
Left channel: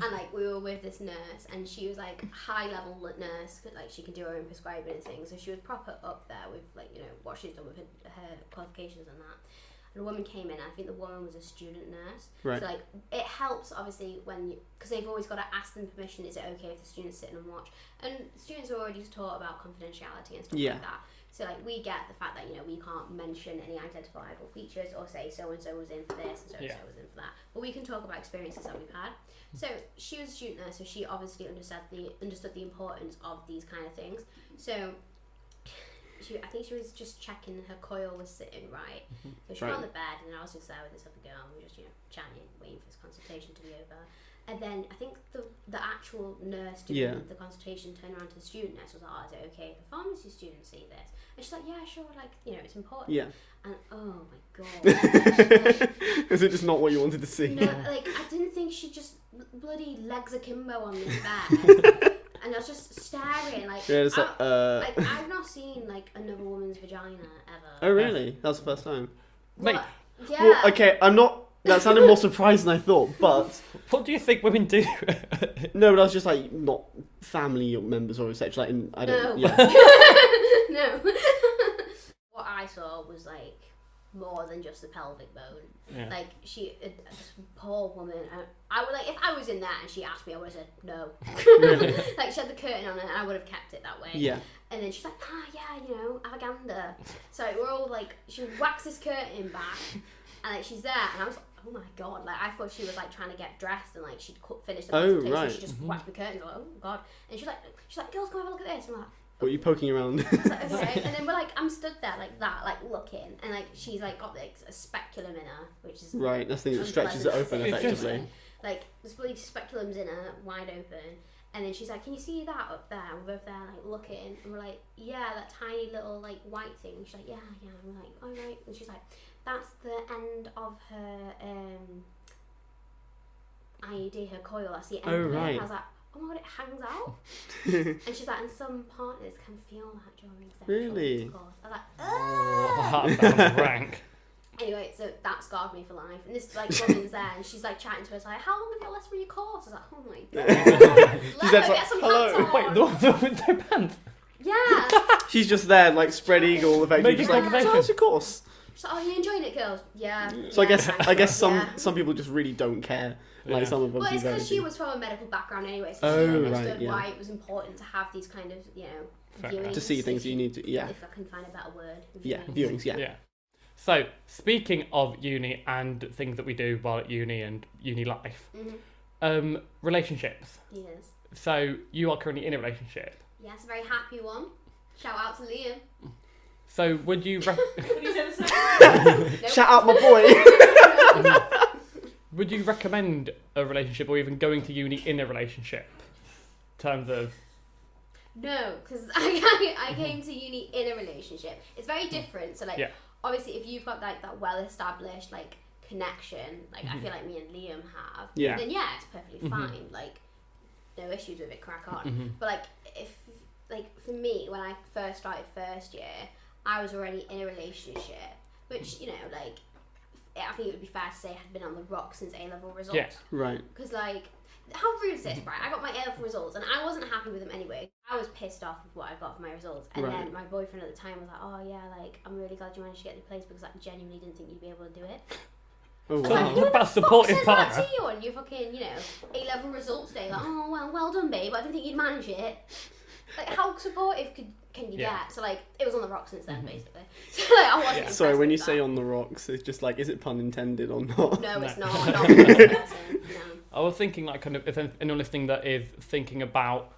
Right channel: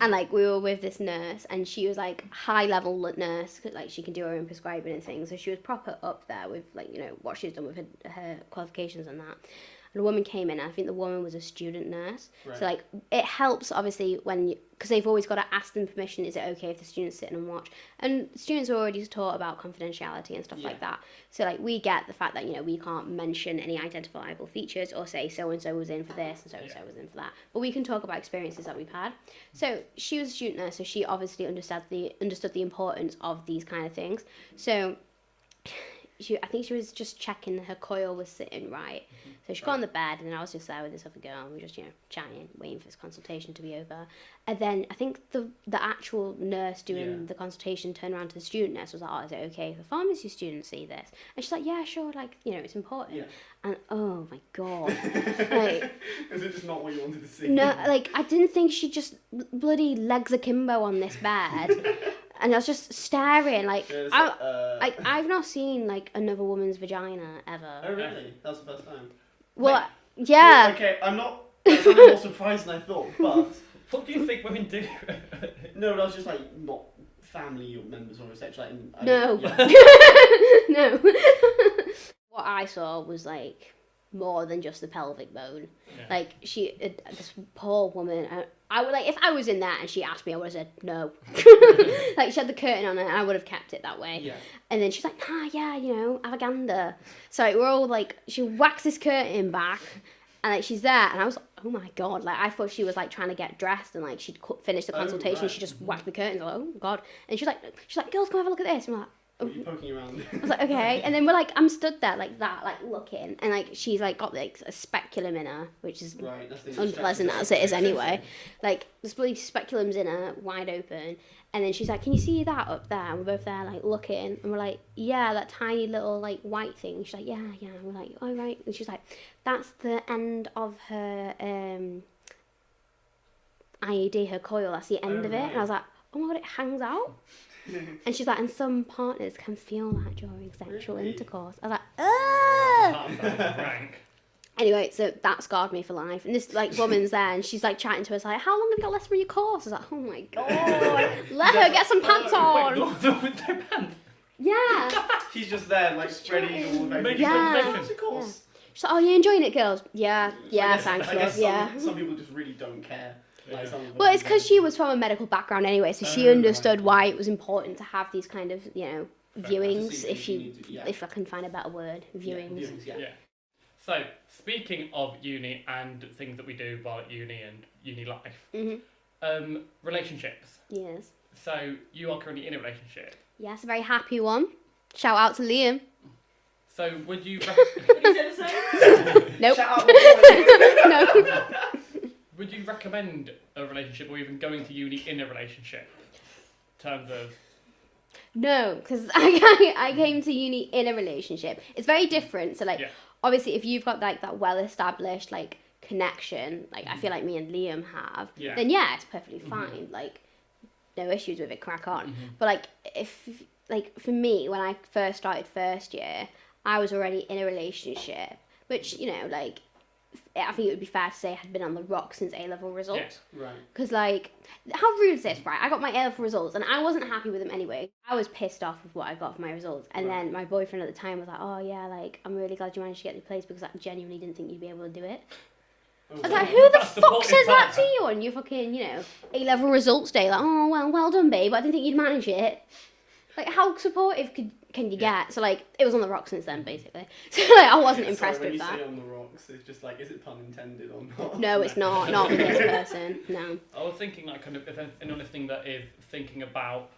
and like we were with this nurse, and she was like high level nurse, like she can do her own prescribing and things. So she was proper up there with like, you know, what she's done with her qualifications and that. And a woman came in, and I think the woman was a student nurse. Right. So like it helps obviously when because they've always got to ask them permission. Is it okay if the students sit and watch? And students are already taught about confidentiality and stuff like that. So like we get the fact that, you know, we can't mention any identifiable features or say so and so was in for this and so and so was in for that. But we can talk about experiences that we've had. So she was a student nurse, so she obviously understood the importance of these kind of things. So I think she was just checking her coil was sitting right. So she got on the bed, and then I was just there with this other girl, and we were just, you know, chatting, waiting for this consultation to be over. And then I think the actual nurse doing the consultation turned around to the student nurse, was like, oh, is it okay if a pharmacy student see this? And she's like, yeah, sure, like, you know, it's important. Yeah. And oh my God. Like, is it just not what you wanted to see? No, like, I didn't think she just bloody legs akimbo on this bed. And I was just staring, like, like I've not seen like another woman's vagina ever. Oh really? That was the first time. Well, Like, yeah. Well, okay, I'm not. That sounded more surprised than I thought, but what do you think women do? No, but I was just like not family members or such. Like, I don't. No. Yeah. No. What I saw was like more than just the pelvic bone. Yeah. Like this poor woman. I would like if I was in there and she asked me, I would have said no. Like she had the curtain on it, and I would have kept it that way. Yeah. And then she's like, yeah, you know, avaganda. So like, we're all like, she whacks this curtain back, and like she's there, and I was like, oh my God, like I thought she was like trying to get dressed, and like she'd finished the consultation. Right. She just whacked the curtains. Like, oh God. And she's like, girls, come have a look at this. And we're like, were you poking around? I was like, okay. And then we're like, I'm stood there like that, like looking, and like she's like got like a speculum in her, which is right. That's the unpleasant as it is anyway. Like this bloody speculum's in her, wide open, and then she's like, can you see that up there? And we're both there like looking, and we're like, yeah, that tiny little like white thing. And she's like, yeah. And we're like, oh right. And she's like, that's the end of her IED, her coil. That's the end of it. Right. And I was like, oh my God, it hangs out. And she's like, and some partners can feel that during sexual intercourse. I was like, oh. That sounds rank. Anyway, so that scarred me for life. And this like woman's there, and she's like chatting to us like, how long have you got left for your course? I was like, oh my God, let her get some pants on. Wait, with no pants? Yeah. She's just there like spread eagle, effectively. Just like, how's your course? She's like, oh, you enjoying it, girls? Yeah. So yeah, I guess some people just really don't care. Like some of well, it's because she was from a medical background anyway, so she understood why it was important to have these kind of, you know, viewings. To see things you need to, if I can find a better word, viewings. Yeah, viewings, yeah. So, speaking of uni and things that we do while at uni and uni life, relationships. Yes. So, you are currently in a relationship. Yes, a very happy one. Shout out to Liam. So, would you... Nope. Shout out my boy. No. Would you recommend a relationship or even going to uni in a relationship? In terms of... No, because I came to uni in a relationship. It's very different. So, like, obviously, if you've got, like, that well-established, like, connection, like, I feel like me and Liam have, then, yeah, it's perfectly fine. Like, no issues with it, crack on. But, like, for me, when I first started first year, I was already in a relationship, which, you know, like, I think it would be fair to say I had been on the rock since A-level results. Yes, right. Because, like, how rude is this, right? I got my A-level results, and I wasn't happy with them anyway. I was pissed off with what I got for my results. And then my boyfriend at the time was like, oh, yeah, like, I'm really glad you managed to get the place because I genuinely didn't think you'd be able to do it. I was like, who the fuck says that to you on your fucking, you know, A-level results day? Like, oh, well done, babe. I didn't think you'd manage it. Like, how supportive can you get? So, like, it was on the rocks since then, basically. So, like, I wasn't impressed. Sorry, when with you that. say on the rocks, it's just like, is it pun intended or not? No, it's not. Not for this person. No. I was thinking, like, kind of, if anyone listening that is thinking about,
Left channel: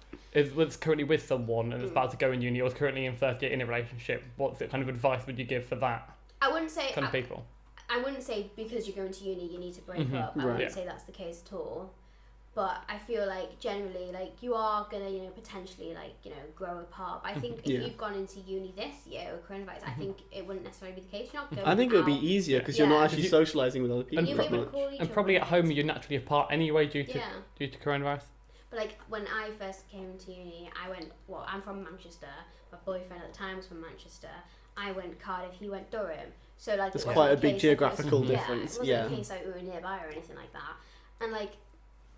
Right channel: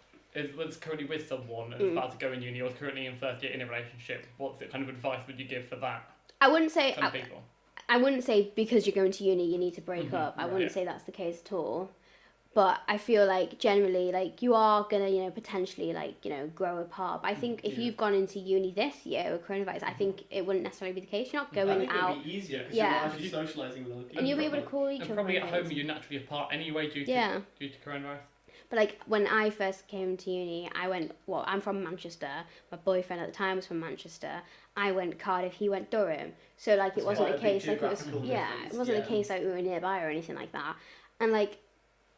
was currently with someone and is about to go in uni or is currently in first year in a relationship, what kind of advice would you give for that? I wouldn't say... Kind of people. I wouldn't say because you're going to uni you need to break up. I wouldn't Right. say that's the case at all. But I feel like generally, like, you are gonna, you know, potentially, like, you know, grow apart. But I think if you've gone into uni this year with coronavirus, I think it wouldn't necessarily be the case. You're not going out. I think it would be easier because you're not Yeah. actually socialising with other people. And you'll be that able to much. call each And other. probably at home mates. you're naturally apart anyway due to Yeah. coronavirus. But like when I first came to uni, I went. Well, I'm from Manchester. My boyfriend at the time was from Manchester. I went Cardiff. He went Durham. So like It's it wasn't quite a case big like, geographical it was, difference. Yeah, it wasn't a case like we were nearby or anything like that. And like,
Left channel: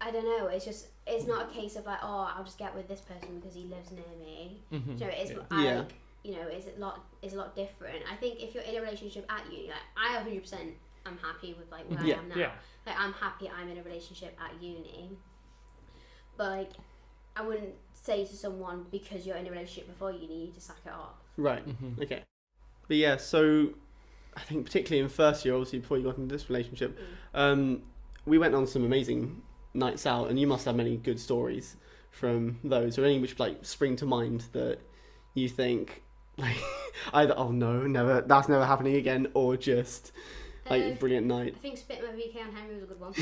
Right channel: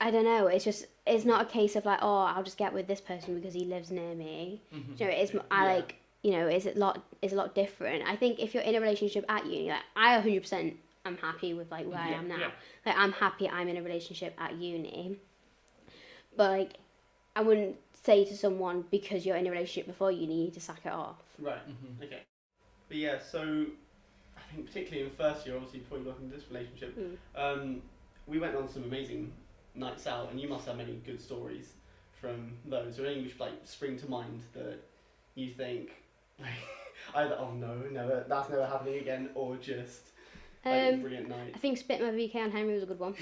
I don't know. It's not a case of like, oh, I'll just get with this person because he lives near me. You know, it's I like, you know, it's a lot different. I think if you're in a relationship at uni, like I 100% am happy with like where I am now. Yeah. Like I'm happy I'm in a relationship at uni. But like, I wouldn't say to someone because you're in a relationship before uni, you need to sack it off. Right. Okay. But yeah, so I think particularly in first year, obviously before you got into this relationship, we went on some amazing nights out, and you must have many good stories from those, or any which like spring to mind that you think like either never, that's never happening again, or just like brilliant night. I think spit my VK on Henry was a good one.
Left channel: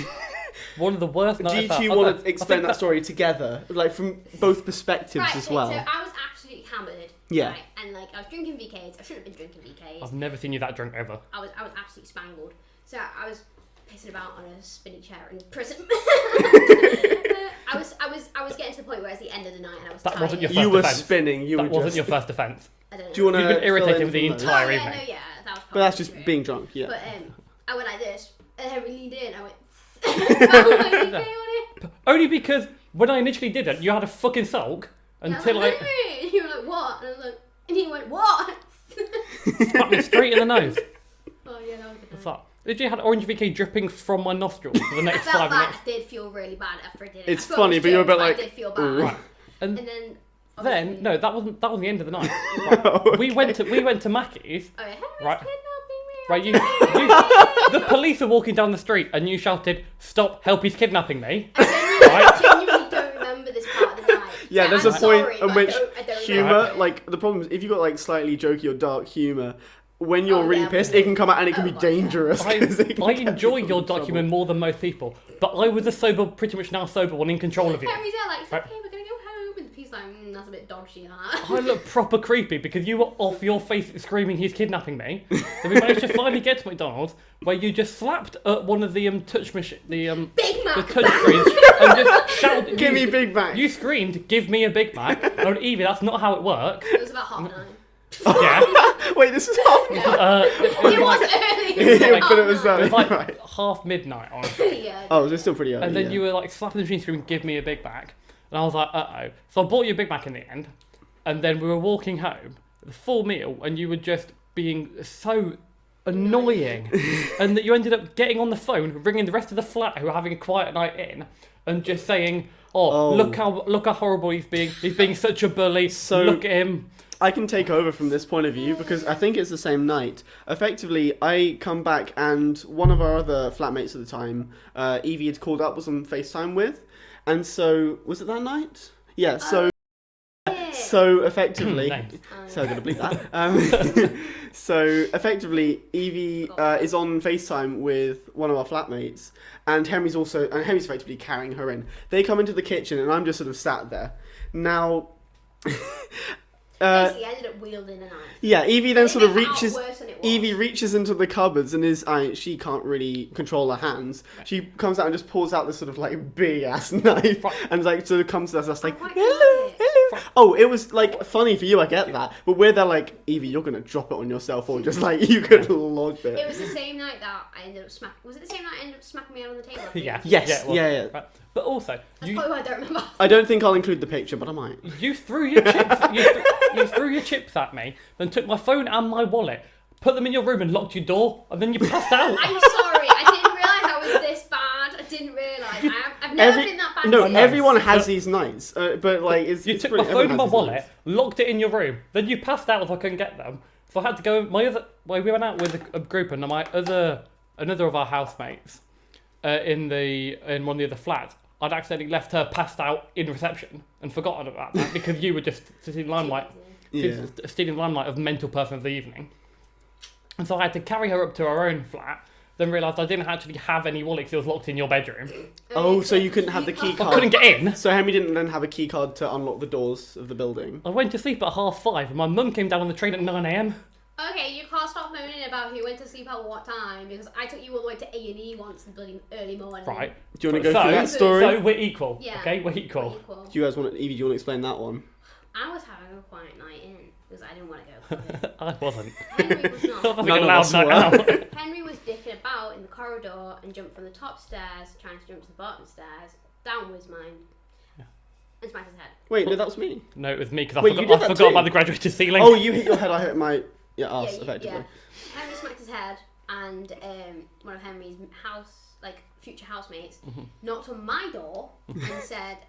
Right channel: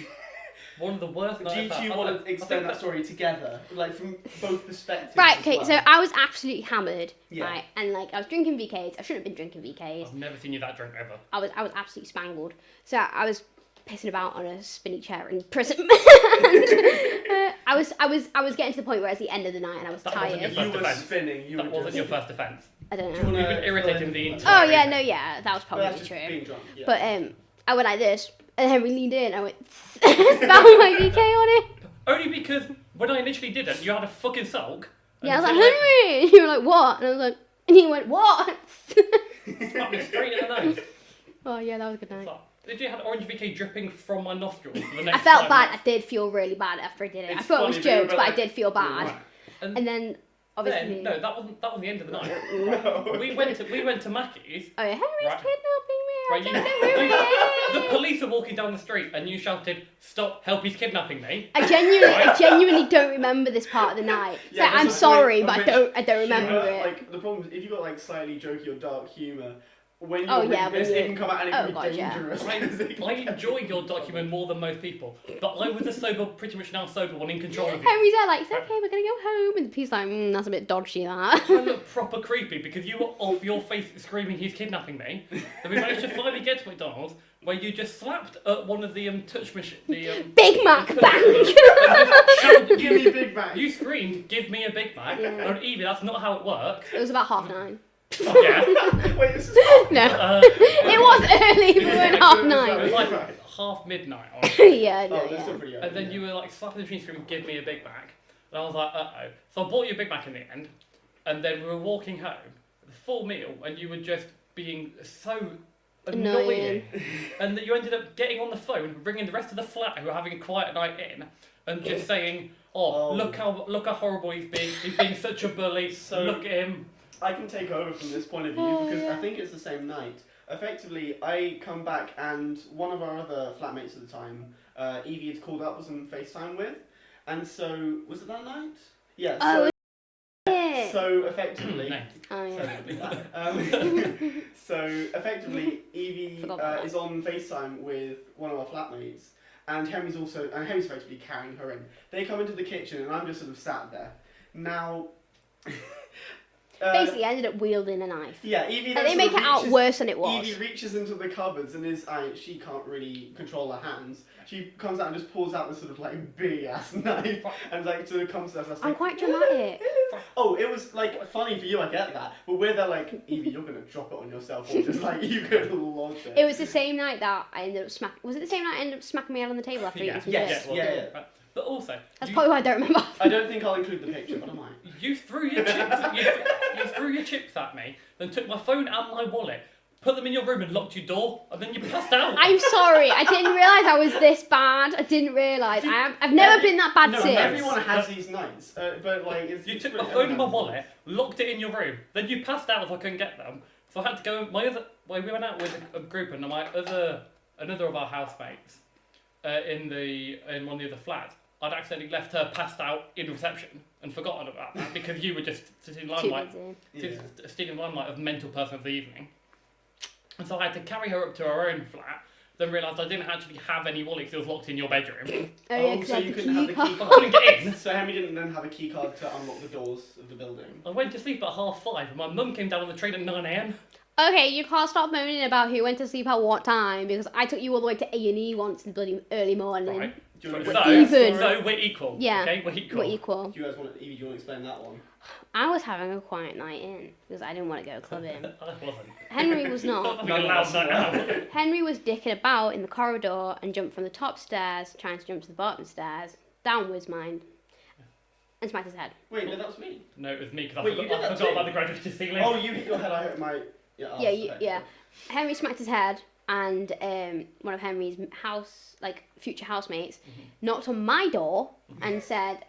One of the worst Do nights. you want to explain that story together, like from both perspectives Right, as okay, well? so I was absolutely hammered. Yeah. Right, and like I was drinking VKs. I shouldn't have been drinking VKs. I've never seen you that drunk ever. I was absolutely spangled. So I was pissing about on a spinny chair in prison. I was getting to the point where it's the end of the night and I was That tired. wasn't your You first were defence. spinning. You That were wasn't just. your first defence. I don't know. Do you want to? You've been irritated with the Oh entire yeah, evening. no, yeah, that was But probably that's just true. being drunk. Yeah. But I went like this, and Henry leaned in. I went, found my VK on it. Only because when I initially did it, you had a fucking sulk. Yeah, I was until like, Henry. And you were like, what? And I was like, and he went, what? slapped me straight in the nose. Oh yeah, that was a good night. What's that? Did you have orange VK dripping from my nostrils for the next I felt 5 bad. minutes? I did feel really bad after I did it. It's I thought funny, it was but you're a jokes, bit but like, I did feel bad. Right. And then obviously, Then no, that wasn't the end of the night. Okay. We went to Mackies. oh yeah, Henry's Right. kidnapping me. Right, the police are walking down the street, and you shouted, "Stop! Help! He's kidnapping me!" I genuinely don't remember this part of the night. Yeah, So there's I'm a point sorry, at but which I don't remember Humour, it. like the problem is if you've got like slightly jokey or dark humour, when you're Oh, really yeah, pissed, but- it can come out and it can Oh, be gosh, yeah. dangerous. 'cause it can I get enjoy you your in trouble. document more than most people, but I was pretty much now sober one in control of you. Henry's there like, it's okay, we're gonna go home, and he's like, that's a bit dodgy, that. I look proper creepy because you were off your face screaming he's kidnapping me. Then we managed to finally get to McDonald's where you just slapped at one of the touch machine, Big Mac. the touch screens and just shouted, Give me Big Mac. You screamed, "Give me a Big Mac." And I went, Evie, that's not how it works. It was about 9:30. Yeah. Wait, this is half. No, it was early. It was Yeah, like but it was, 9:30. It was like Right. half midnight on. Yeah. Oh, no, it's yeah. still pretty early. And then yeah. you were like slapping the machine screaming, "Give me a Big Mac." And I was like, uh-oh. So I bought you a Big Mac in the end. And then we were walking home, the full meal, and you were just being so annoying. And that you ended up getting on the phone, ringing the rest of the flat who were having a quiet night in, and just saying, Oh. look how horrible he's being such a bully. So- Look at him. I can take over from this point of view because I think it's the same night. Effectively, I come back and one of our other flatmates at the time, Evie had called up, was on FaceTime with, and so was it that night? Yeah. So Yeah. so effectively, Nice. Oh, so yeah. I'm gonna bleep that. So effectively, Evie is on FaceTime with one of our flatmates, and Henry's effectively carrying her in. They come into the kitchen, and I'm just sort of sat there. Now. Basically, I ended up wielding a knife. Yeah, Evie then And they sort of make it out reaches. worse than it was. Evie reaches into the cupboards and she can't really control her hands. She comes out and just pulls out this sort of like big ass knife and like sort of comes to us I'm like, quite hello, dramatic. hello. Oh, it was like funny for you, I get that, but we're there like, Evie, you're gonna drop it on yourself or just like you could lodge it. It was the same night that I ended up smacking. Was it the same night I ended up smacking my head on the table after Yeah. eating Yes. chips? it was. yeah. Right. But also, That's probably why I don't remember. I don't think I'll include the picture, but I might. you threw your chips. You threw your chips at me, then took my phone and my wallet, put them in your room and locked your door, and then you passed out. I'm sorry. I didn't realise I was this bad. I didn't realise. I've never been that bad No, since. everyone has these nights, but like You it's took pretty, my phone everyone and my has these wallet, nights. locked it in your room, then you passed out if I couldn't get them. So I had to go. We went out with a group and another of our housemates in one of the other flats. I'd accidentally left her passed out in reception and forgotten about that because you were just stealing Too limelight, busy. Yeah. stealing the limelight of the mental person of the evening. And so I had to carry her up to our own flat, then realised I didn't actually have any wallet because it was locked in your bedroom. Oh, so you couldn't have the key I card. couldn't get in. So Henry didn't then have a key card to unlock the doors of the building. I went to sleep at 5:30 and my mum came down on the train at 9 a.m. Okay, you can't stop moaning about who went to sleep at what time, because I took you all the way to A&E once in the bloody early morning. Right. Do you want to go through that story? So we're equal. Yeah. Okay, we're equal. We're equal. Do you guys want to, Evie, do you want to explain that one? I was having a quiet night in because I didn't want to go clubbing. I wasn't. Henry was not. Having None a of loud us night were. out. Henry was dicking about in the corridor and jumped from the top stairs, trying to jump to the bottom stairs. Down was mine. And smacked his head. Wait, no, that was me. No, it was me because Wait, I you did forgot that too? about the graduated ceiling. Oh, you hit your head, I hit my... Yeah, arse, Yeah, effectively. yeah. Henry smacked his head, and one of Henry's future housemates knocked on my door and said,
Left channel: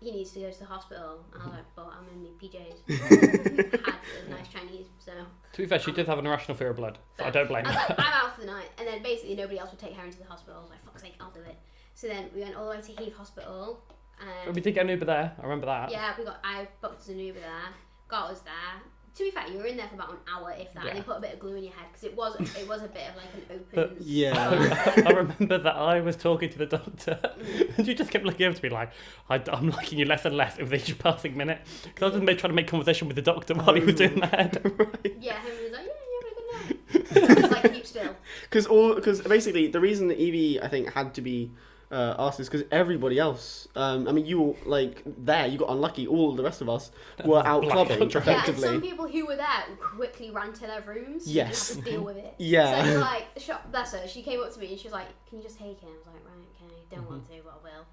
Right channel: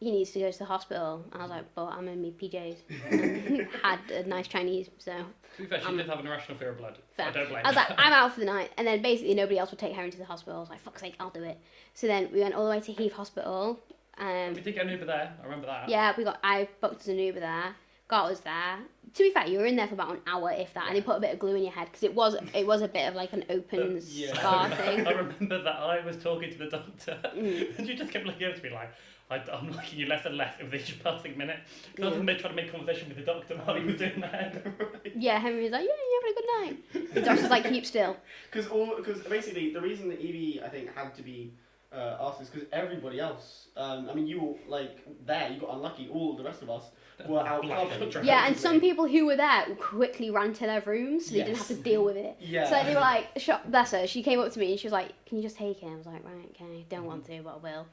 he needs to go to the hospital. I was like, but I'm in my PJs. Had a nice Chinese, so... To be fair, she did have an irrational fear of blood. So I don't blame I was her. like, I'm out for the night. And then basically nobody else would take Henry to the hospital. I was like, fuck's sake, I'll do it. So then we went all the way to Heath Hospital. We did get an Uber there. I remember that. Yeah, I booked an Uber there. Got us there. To be fair, you were in there for about an hour, if that, and they put a bit of glue in your head because it was a bit of like an open scar thing. I remember that I was talking to the doctor and she just kept looking over to me like, I'm liking you less and less with each passing minute. Because I was trying to make conversation with the doctor while he was doing that. Right. Yeah, Henry was like, yeah, you're having a good night. The doctor's like, keep still. Because basically the reason that Evie, I think, had to be asked is because everybody else, I mean, you were like there, you got unlucky. All the rest of us were out clubbing. Yeah, and some people who were there quickly ran to their rooms. So you didn't have to deal with it. Yeah. So it was like, bless her. She came up to me and she was like, "Can you just take it?" I was like, "Right, okay, don't want to, but I will."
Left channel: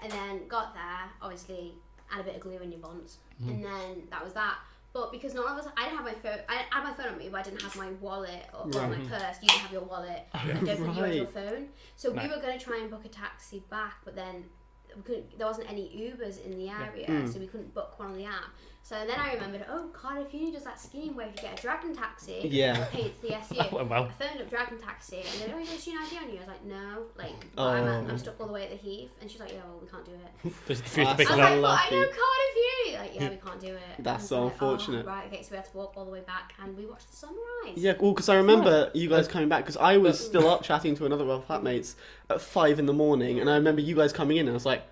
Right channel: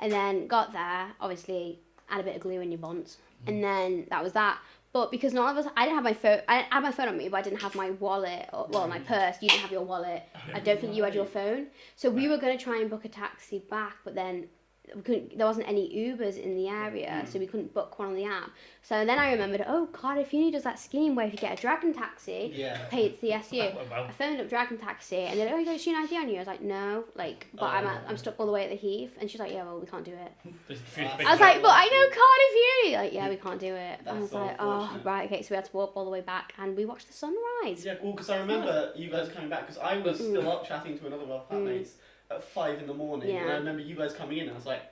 And then got there, obviously, had a bit of glue in your bonds, and then that was that. But because none of us, I didn't have my phone. I had my phone on me, but I didn't have my wallet or my purse. You didn't have your wallet. I don't think you had your phone. So we were gonna try and book a taxi back, but then we couldn't. There wasn't any Ubers in the area, so we couldn't book one on the app. So then I remembered, Cardiff Uni does that scheme where if you get a Dragon taxi, pay it to the SU. Well. I phoned up Dragon Taxi and they're like, you got a student ID on you? I was like, no, but I'm stuck all the way at the Heath. And she's like, yeah, well, we can't do it. I I was like, but I know Cardiff Uni. Like, yeah, we can't do it. That's so like, unfortunate. Right, okay, so we had to walk all the way back and we watched the sunrise. Yeah, well, because I remember you guys coming back because I was still up chatting to another of our flatmates at 5 a.m, and I remember you guys coming in and I was like,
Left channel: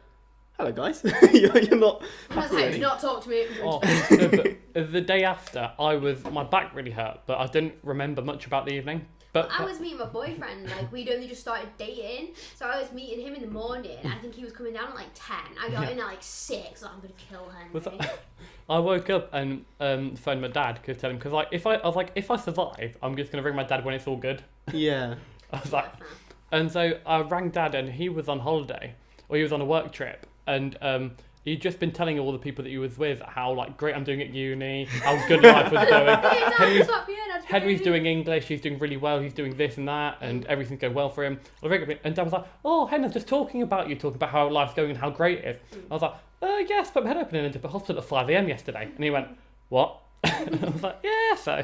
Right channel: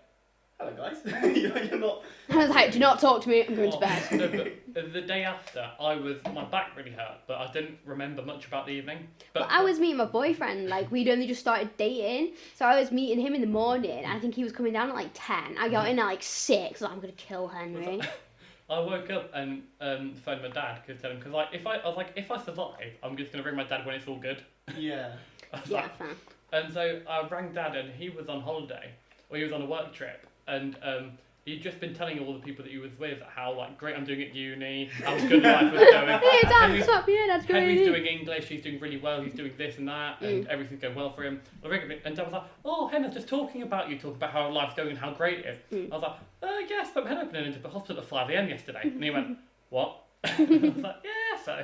hello guys, you're not... I was like, do not talk to me, I'm going to bed. No, but the day after, my back really hurt, but I didn't remember much about the evening. But I was meeting my boyfriend, like we'd only just started dating, so I was meeting him in the morning, and I think he was coming down at like 10. I got in at like 6, like, I'm going to kill Henry. I woke up and phoned my dad to tell him, because if I survive, I'm just going to ring my dad when it's all good. Yeah. I was like, and so I rang dad and he was on holiday, or he was on a work trip. And he'd just been telling all the people that he was with how like great I'm doing at uni, how good life was going. Henry's doing English, he's doing really well, he's doing this and that, and everything's going well for him. And Dad was like, "Oh, Henry's just talking about how life's going and how great it is." I was like, "Yes, but my head open into the hospital at 5 a.m. yesterday." And he went, "What?" I was like, "Yeah, so."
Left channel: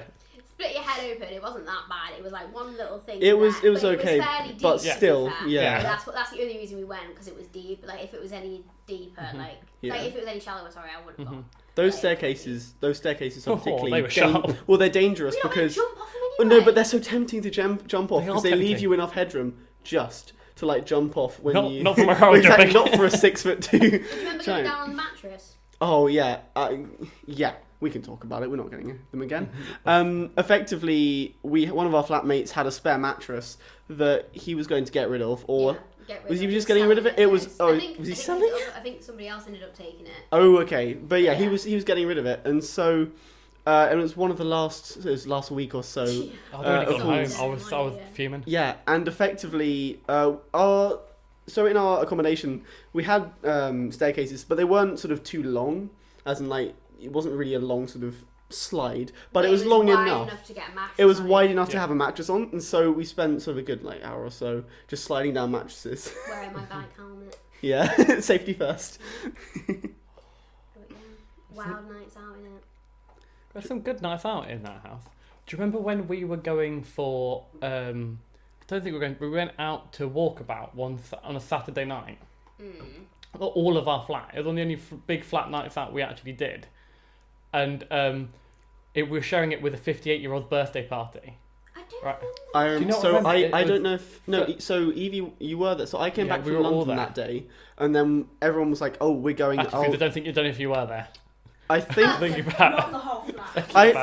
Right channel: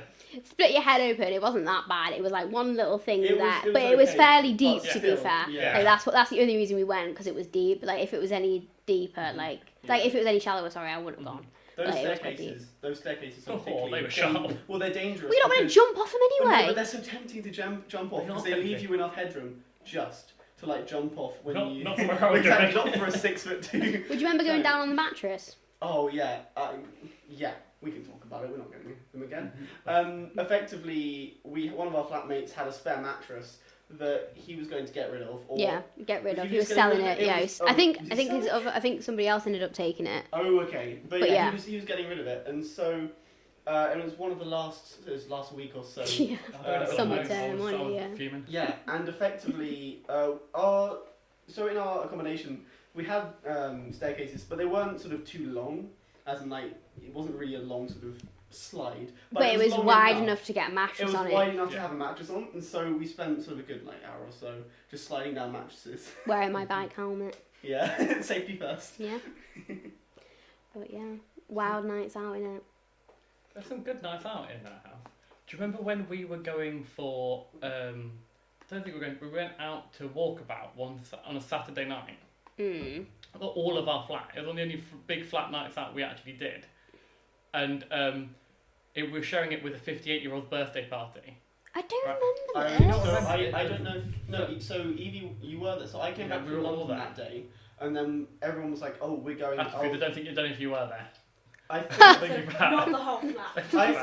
Split your head open. It wasn't that bad. It was like one little thing. It was fairly deep. but still, to be fair. yeah. That's the only reason we went, because it was deep. Like if it was any deeper, like if it was any shallower, sorry, I wouldn't have gone. Those staircases are particularly they were sharp. Well, they're dangerous. We're not going to jump off them Oh, anyway. no, but they're so tempting to jump off because they leave tempting. you enough headroom just to like jump off when Not from a high exactly, jumping. not for a 6'2". Do you remember going giant. down on the mattress? Oh yeah, yeah. We can talk about it. We're not getting them again. Effectively, one of our flatmates had a spare mattress that he was going to get rid of, or get rid was of. he just getting rid of it? It was. I think I think somebody else ended up taking it. Oh, okay, but yeah, he was getting rid of it, and so. And it was one of the last week or so. I was fuming. Yeah, and effectively, so in our accommodation, we had staircases, but they weren't sort of too long, as in like, it wasn't really a long sort of slide, but it was long wide enough to get a mattress. It was wide enough to have a mattress on, and so we spent sort of a good like hour or so just sliding down mattresses. Wearing my bike helmet. Yeah, safety first. Yeah. But yeah, wild nights out in it. There's some good nights out in that house. Do you remember when we were going for? I don't think we went out to walkabout on a Saturday night. All of our flat. It was one of the only big flat nights out we actually did, and we were sharing it with a 58-year-old's birthday party. I don't Right. remember. not remember it? I It don't was- know if no. So Evie, you were there. So I came Yeah, back we from were all London there. that day, and then everyone was like, "Oh, we're going." Actually, I don't know if you were there. I think. Thinking Not back. the whole flat.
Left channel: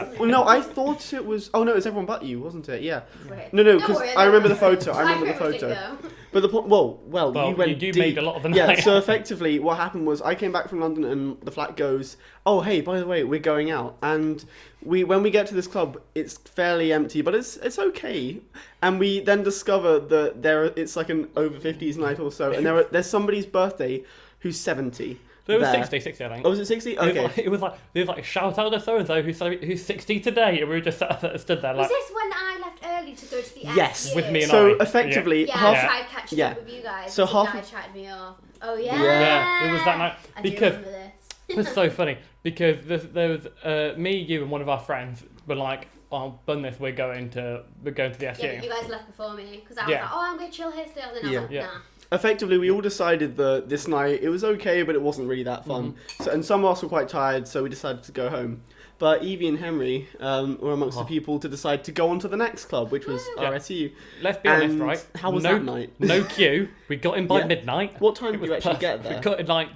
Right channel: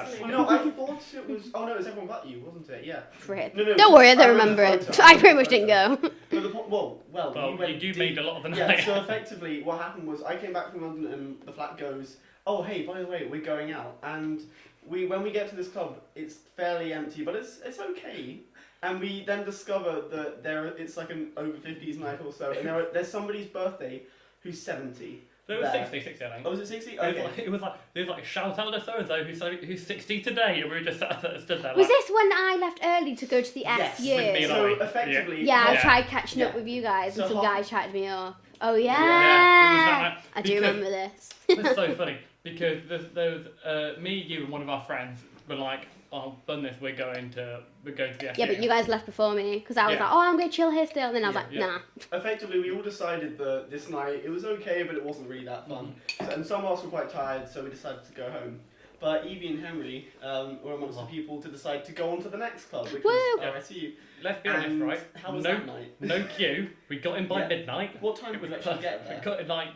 I thought it was. Oh no, it was everyone but you, wasn't it? Yeah. Rip. No, Don't worry, I don't remember remember the it. photo. I remember pretty the much didn't photo. go. But the point, well, Well, you went you deep. made a lot of the Yeah, night. so effectively what happened was I came back from London and the flat goes, "Oh, hey, by the way, we're going out." And when we get to this club, it's fairly empty, but it's okay. And we then discover that it's like an over 50s night or so, and there's somebody's birthday who's 70. So it was there. 60, I think. Oh, was it 60? Okay. It was like shout out to so and so who's 60 today, and we were just stood there. Was Like, this when I left early to go to the Yes. SU? With me and So I. effectively, Yeah, half- I tried catching yeah. up with you guys. So So some half- guy chatted me off. Oh yeah. Yeah, it was that night. I do Because- remember this. it was so funny because there was me, you, and one of our friends were like, "Oh, bun this, we're going to the SU." Yeah, but you guys left before me because I was Yeah. like, oh, I'm gonna chill here still. And then I was Yeah. like, Yeah. nah. effectively we all decided that this night it was okay, but it wasn't really that fun. So, and some of us were quite tired, so we decided to go home. But Evie and Henry were amongst the people to decide to go on to the next club, which was Woo! RSU. Let's be honest, And right? how was no, that night? No queue. We got in by Yeah. midnight. What time It did was you actually perfect. get there? We got in like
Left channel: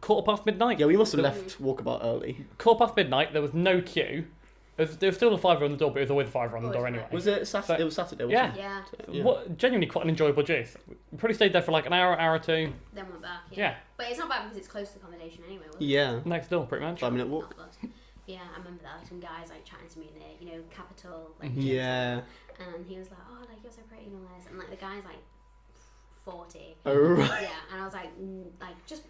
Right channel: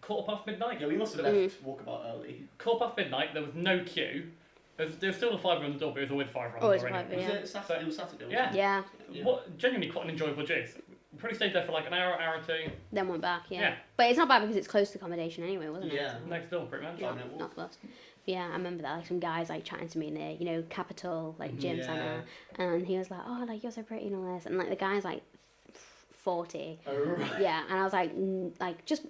quarter past midnight. Yeah, we must have Mm. left walkabout early. Quarter past midnight. There was no queue. There was still a fiver on the door, but it was always a fiver on the Always door a anyway. fiver. Was Yeah. it Saturday? So- It was Saturday, Yeah. wasn't Yeah. it? Yeah. What genuinely quite an enjoyable juice. We probably stayed there for like an hour or two. Then went back. Yeah. Yeah. But it's not bad because it's close to accommodation anyway, wasn't it? Yeah. Next door, pretty much. 5-minute Not walk. close. Yeah, I remember that. Like some guys like chatting to me in the Capital like Mhm. gym Yeah. centre, and he was like, "Oh, like you're so pretty and all this," and like the guy's like 40. Oh, right. Yeah, and I was like, just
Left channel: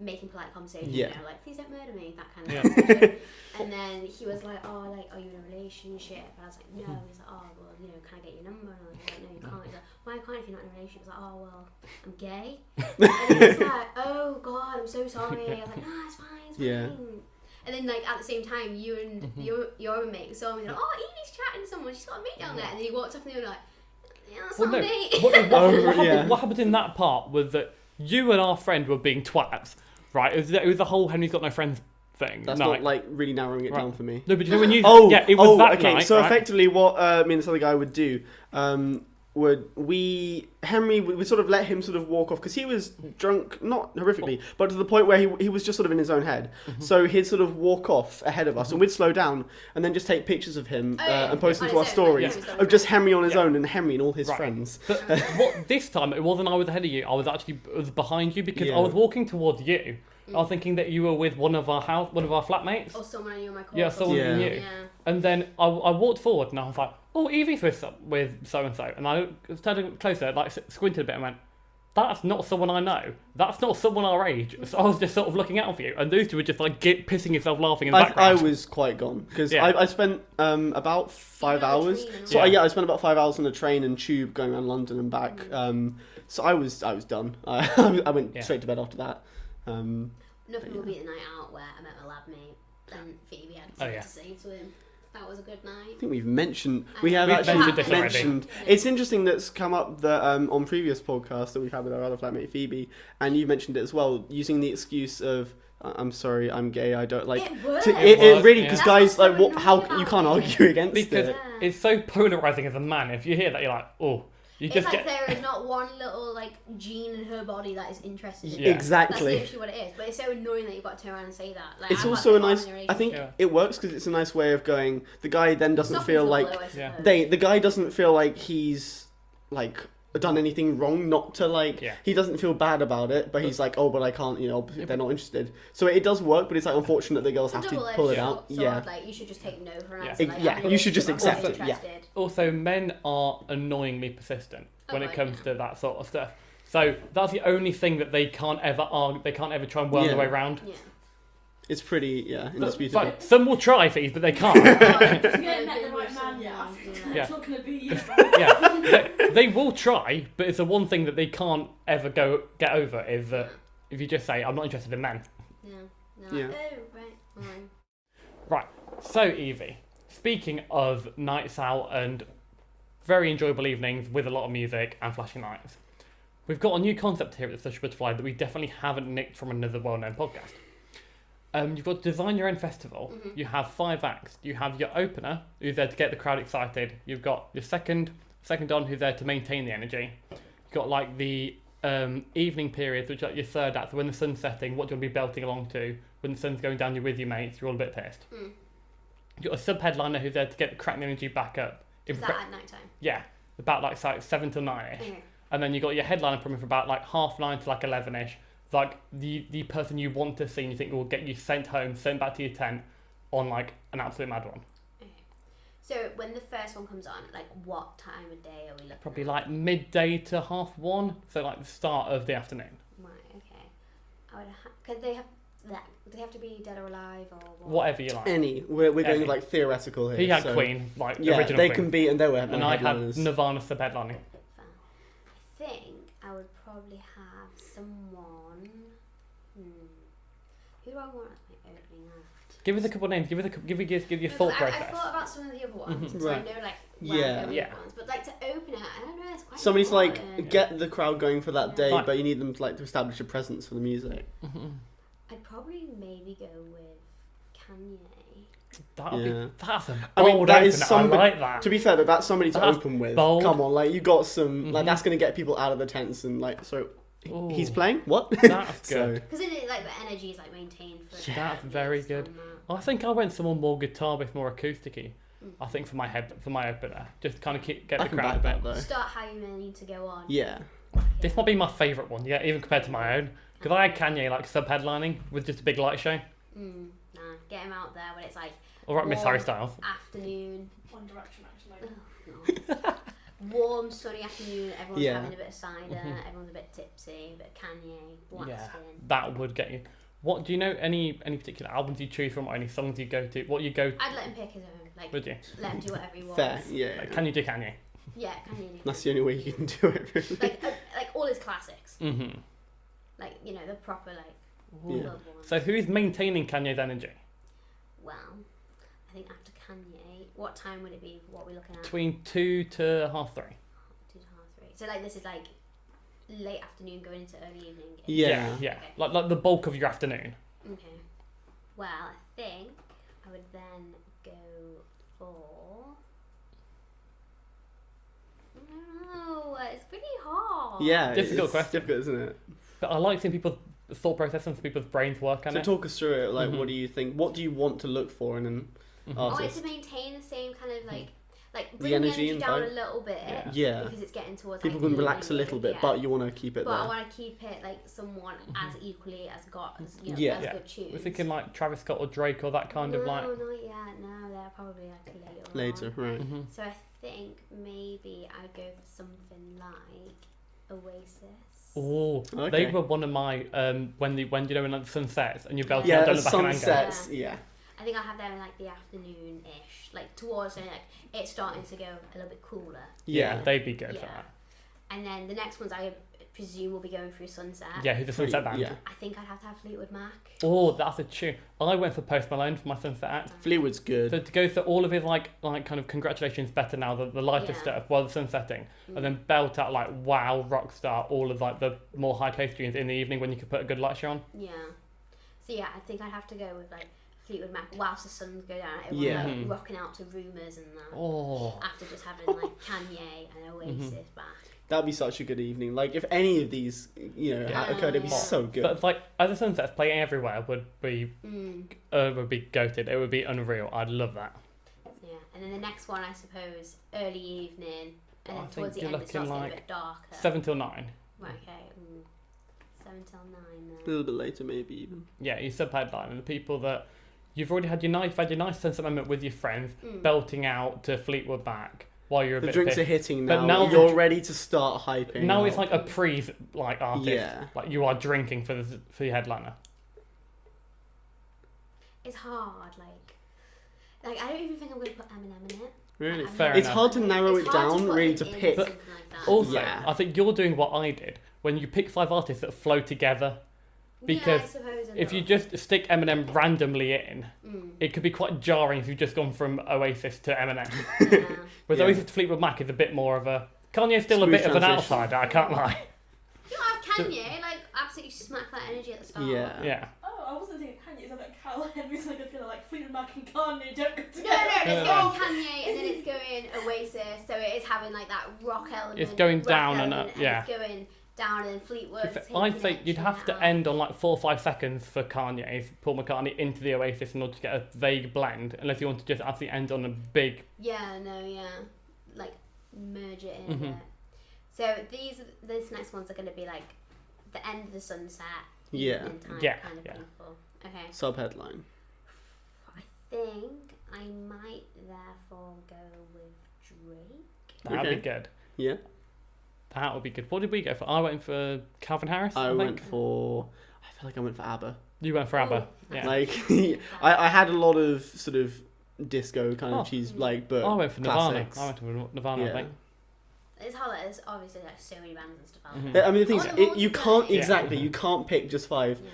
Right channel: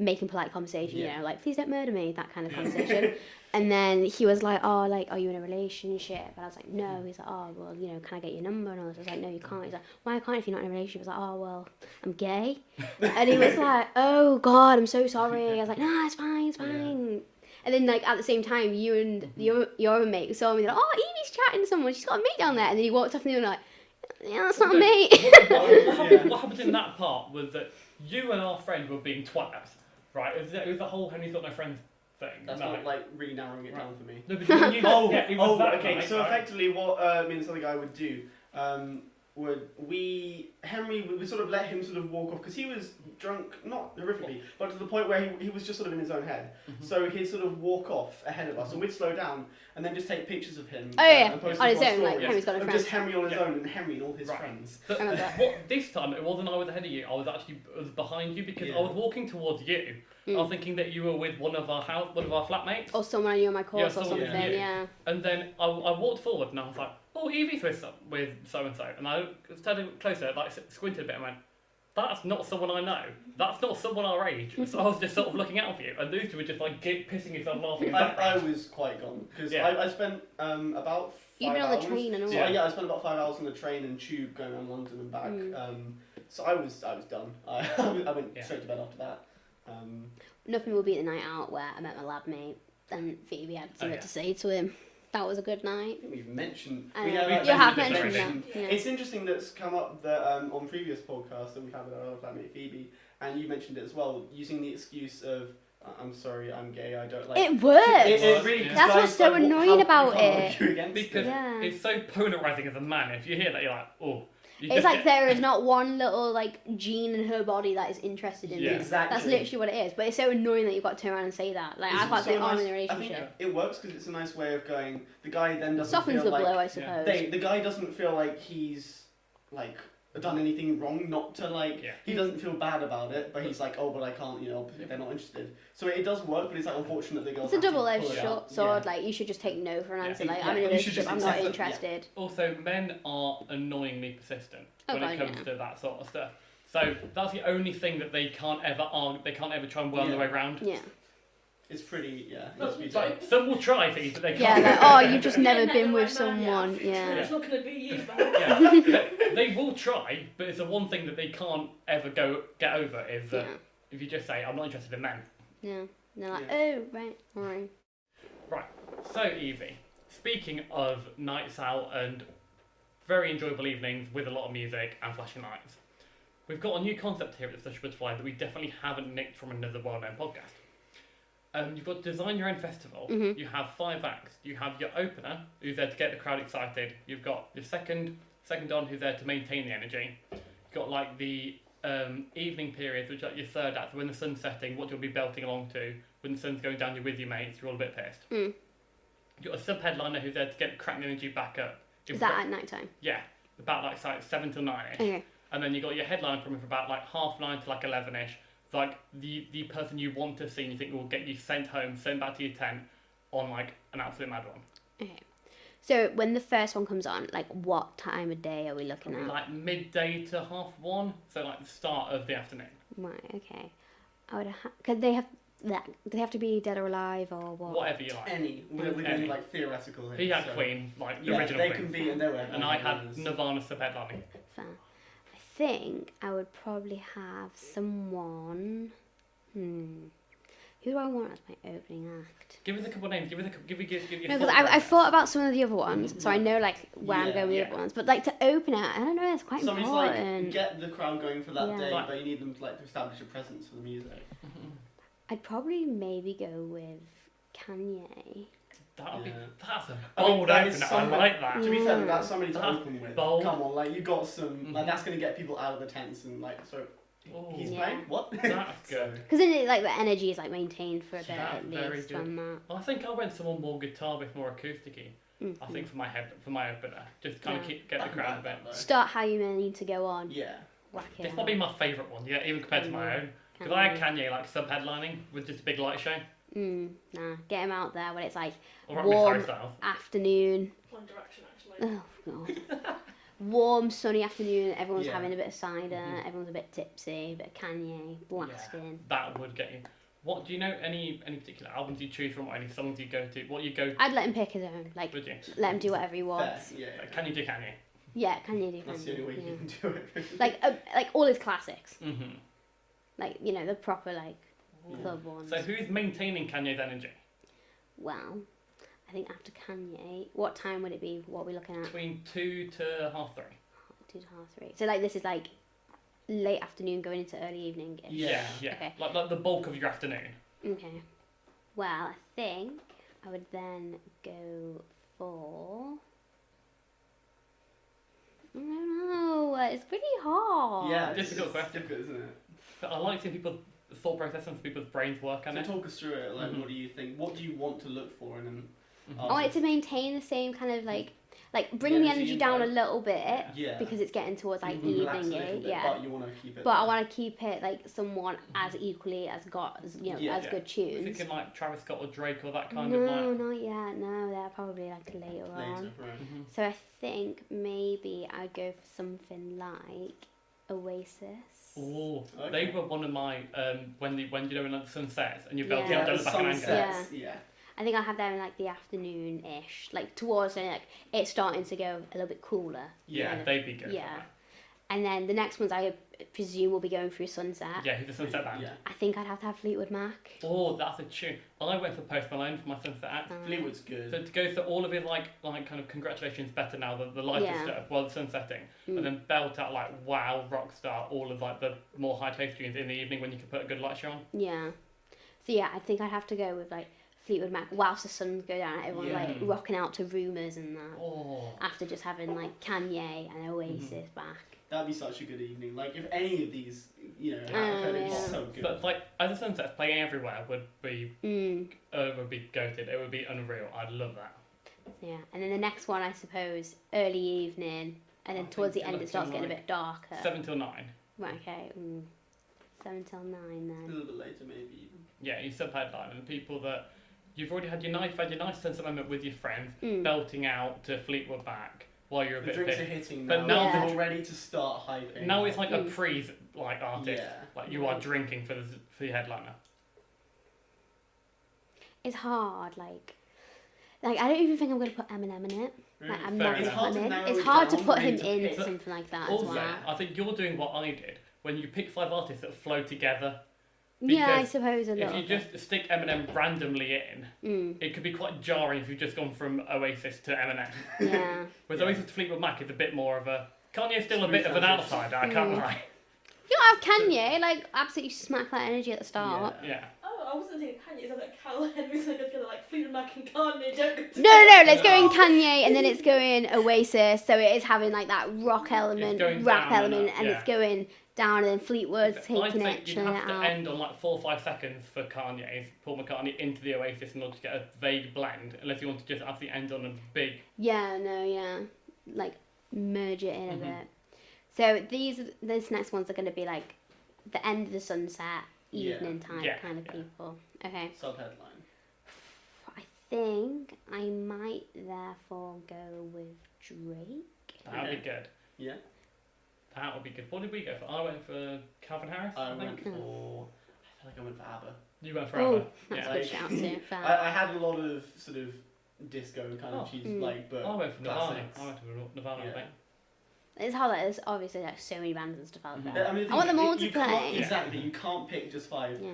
making polite conversation, Yeah. like please don't murder me, that kind of Yeah. conversation. And then he was like, "Oh, like are you in a relationship?" And I was like, "No." He's like, "Oh, well, can I get your number?" And I was like, "No, you can't." He's like, "Why can't if you're not in a relationship?" I was like, "Oh, well, I'm gay." And he was like, "Oh God, I'm so sorry." I was like, "No, it's fine, it's fine." Yeah. And then, like, at the same time, you and your other mate saw me, like, "Oh, Evie's chatting to someone, she's got a mate down there." And then he walked off and they were like, "Yeah, that's not a mate." Oh, What happened in that part was that you and our friend were being twats, right? It was the whole Henry's got no friends thing. That's night. not like really narrowing it Right. down for me. No, but when you Oh, it was that okay. night, So right? effectively, what me and this other guy would do Henry would sort of let him sort of walk off because he was drunk, not horrifically, but to the point where he was just sort of in his own head. So he'd sort of walk off ahead of us, and we'd slow down and then just take pictures of him and post them On to our his own, like, stories Henry's got a of just friend. Henry on his Yeah. own and Henry and all his Right. friends. But what this time it wasn't I was ahead of you. I was actually behind you because Yeah. I was walking towards you. I was thinking that you were with one of our flatmates, Or someone I knew in my course Yeah, or someone something, you knew. yeah. and then I walked forward and I was like, "Oh, Evie's with so and so," and I started closer, like squinted a bit, and went, "That's not someone I know. That's not someone our age." So I was just sort of looking out for you, and those two were just like pissing yourself laughing in the I background. was quite gone because Yeah. I spent about 5 Even on the hours. train and all So that. I spent about 5 hours on the train and tube going around London and back. So I was done. I went Yeah. straight to bed after that. Nothing will beat the night out where I met my lab mate and Phoebe had something yeah. to say to him. That was a good night. I think we've mentioned I we know. have We've actually mentioned this already. mentioned. Yeah. It's interesting that's come up that on previous podcasts that we've had with our other flatmate Phoebe, and you mentioned it as well, using the excuse of "I'm sorry, I'm gay, I don't like." It works. It really Yeah. because That's guys what's so like annoying how you about can't it. argue against Because it. Yeah. it's so polarizing as a man. If you hear that, you're like, "Oh." You It's just like get, there is not one little like gene in her body that is interested in Yeah. it. Exactly. That's literally what it is. But it's so annoying that you've got to turn around and say that. Like, It's I've got also to a say, "Oh, I'm nice. in a I think relationship." Yeah. it works because it's a nice way of going. The guy then doesn't Softens feel the like blow, I suppose. the guy doesn't feel like he's like done anything wrong not to like Yeah. he doesn't feel bad about it, but he's like, oh, but I can't, they're not interested. So it does work, but it's like unfortunate that girls It's a have to pull double-edged it out. sword. Like you should just take no for an Yeah. answer. Like, Yeah, I'm in a you should just relationship, I'm not accept it, yeah. interested. Also, men are annoyingly persistent when Oh, it God, comes yeah. to that sort of stuff. So that's the only thing that they can't ever argue. They can't ever try and worm Yeah. their way around. Yeah. It's pretty, yeah, But, indisputable. like, some will try, Fee, but they can't. Yeah. Oh, you've just never You've been met with the right man yet. someone. Yeah. It's not going to be you. Yeah, they will try, but it's the one thing that they can't ever get over is that if you just say, "I'm not interested in men." Yeah. They're like, oh, right, alright. Right. So, Evie, speaking of nights out and very enjoyable evenings with a lot of music and flashing lights, we've got a new concept here at the Such a Butterfly that we definitely haven't nicked from another well-known podcast. You've got to design your own festival. Mm-hmm. You have 5 acts. You have your opener, who's there to get the crowd excited. You've got your second on, who's there to maintain the energy. You've got like the evening periods, which are like your third act. So when the sun's setting, what do you want to be belting along to? When the sun's going down, you're with your mates. You're all a bit pissed. Mm. You've got a sub-headliner who's there to get the cracking energy back up. Is that at night time? Yeah, about like 7 till 9ish. Okay. And then you got your headliner coming from about like 9:30 to like 11ish. Like the person you want to see and you think will get you sent home, sent back to your tent on like an absolute mad one. Okay. So when the first one comes on, like what time of day are we looking Probably at? like midday to 1:30, so like the start of the afternoon. Right. Okay. Could they have that? Do they have to be dead or alive or what? Whatever you like. We're going Any. like theoretical here. He had so, Queen, like Yeah, original they Queen. can be, and they were. And I had Nirvana sub-headlining. Fair. I think I would probably have someone. Who do I want as my opening act? Give us a couple of names. Give your No, thought because I process. thought about some of the other ones, so I Right. know like where I'm Yeah. going with the Yeah. other ones. But like to open it, I don't know. It's quite Somebody's important. like get the crowd going for that Yeah. day, Like- but you need them to like to establish a presence for the music. I'd probably maybe go with Kanye. That'll Yeah. be, that's a I mean, bold that opener. is somebody- I like that. To be fair, that's somebody to That's open with. bold. Come on, like you got some. Like Mhm. that's gonna get people out of the tents and like so. Ooh. He's playing what? That's So, good. Because then it, like the energy is like maintained for a bit. That's at very least good. on that. I think I went someone more guitar with more acousticy. Mhm. I think for my opener, just to kind of Yeah. get I the can crowd a back bit. that though. Start how you may need to go on. Yeah. Whack it This out. might be my favourite one, yeah, even compared to my own. Because I had Kanye like sub-headlining with just a big light show. Nah, get him out there when it's like Or at Miss Warm. Harry Styles. afternoon. One Direction, actually. Oh god. Warm, sunny afternoon. Everyone's Yeah. having a bit of cider. Mhm. Everyone's a bit tipsy. A bit of Kanye blasting. That would get you. What do you know? Any particular albums you choose from, or any songs you go to? What you go? I'd let him pick his own. Like, Would you? let him do whatever he wants. Fair. Yeah. Like, can you do Kanye? Yeah, Kanye do. That's the Kanye, only way yeah. you can do it. Really. Like all his classics. Mm-hmm. Like the proper like Yeah. club ones. So who's maintaining Kanye's energy? Well, I think after Kanye, what time would it be? What are we looking at? Between 2 to 3:30. 2 to 3. So like this is like late afternoon going into early evening. Yeah. Yeah. Okay. Like the bulk of your afternoon. Okay. Well, I think I would then go for. I don't know. It's pretty hard. Yeah. Difficult it's question. Difficult, isn't it? But I like seeing people's thought process and people's brains work on So it. talk us through it. Like, Mhm. what do you think? What do you want to look for in an Mhm. I want it artist? to maintain the same kind of like bring the energy energy and down a vibe. little bit. Yeah. Because it's getting towards People like can relax a evening, little bit, yeah. but you want to keep it. But I there. want to keep it like somewhat as equally as got as Yeah. as Yeah. good We're tunes. thinking like Travis Scott or Drake or that kind no, of like. not yet. No, they're probably like later. later, On. right? Mhm. So I think maybe I'd go for something like Oasis. Oh, Okay. they were one of my when you know when like the sun sets and you're belting Yeah. out down Yeah, the back and angle. sunsets. Yeah. I think I have them in like the afternoon-ish, like towards like it's starting to go a little bit cooler. Yeah, Yeah. they'd be good Yeah. for that. And then the next ones I presume will be going through Sunset. Yeah, who's the sunset band? Yeah. I think I'd have to have Fleetwood Mac. Oh, that's a tune. I went for Post Malone for my sunset act. Fleetwood's good. So to go through all of his like kind of congratulations better now the lighter Yeah. stuff while the sun's setting, Mm. and then belt out like wow rock star all of like the more high paced tunes in the evening when you could put a good light show on. Yeah. So yeah, I think I'd have to go with like Fleetwood Mac whilst the sun goes down. Everyone Yeah. like rocking out to Rumours and that. Oh, After just having like Kanye and Oasis back. That'd be such a good evening. Like if any of these, had occurred, it'd be Yeah. so good. but it's like as the sunset's playing everywhere would be Mm. goated. It would be unreal. I'd love that. Yeah. And then the next one, I suppose, early evening, and then I towards the think end you're it starts looking getting a like bit darker. 7 till 9. Right. Okay. 7 till 9 a then. little bit later, maybe even. Yeah, you sub headline and the people that you've already had your nice sunset moment with your friends, Mm. belting out to Fleetwood Mac while you're a The bit drinks pissed. are hitting But now. now you're ready to start hyping. Now it's up. like a pre artist. Yeah. Like you are drinking for your headliner. It's hard. Like I don't even think I'm gonna put Eminem in it. Really? Like, I'm Fair not It's enough. hard to putting narrow it's it hard down, to put really him to in pick. something like that. Also, as well. Yeah. I think you're doing what I did when you pick 5 artists that flow together. Yeah, I because suppose. If you just stick Eminem randomly in, it could be quite jarring if you've just gone from Oasis to Eminem. yeah. With Yeah. Oasis to Fleetwood Mac is a bit more of a Kanye's still a Smooth bit of an transition. outsider. I can't Mm. lie. You have Kanye, like absolutely smack that energy at the start. Yeah. Yeah. Oh, I wasn't thinking Kanye. Kanye, so like Cal Henry's like gonna like Fleetwood Mac and Kanye don't go together. No, let's go in Kanye and then it's going Oasis, so it is having like that rock element, It's going rap down element, and it's going down and then Fleetwood taking I'd say it, you'd chilling have it to out. end on like 4 or 5 seconds for Kanye, Paul McCartney into the Oasis in order to get a vague blend, unless you want to just actually end on a big. Yeah, like merge it in a bit. So these next ones are going to be like the end of the sunset, evening time kind of people. Okay. Subheadline. I think I might therefore go with Drake. That would be good. Yeah. That would be good. What did we go for? I went for Calvin Harris. I went for. I feel like I went for ABBA. You went for ABBA. Yeah. Like I had a lot of sort of disco kind of cheese, like, but I went for Nirvana. classics. I went for Nirvana. I think. It's hard. There's obviously like so many bands and stuff out there. I mean, the thing I want them all is, you to can't play. exactly. You can't pick just 5. Yeah.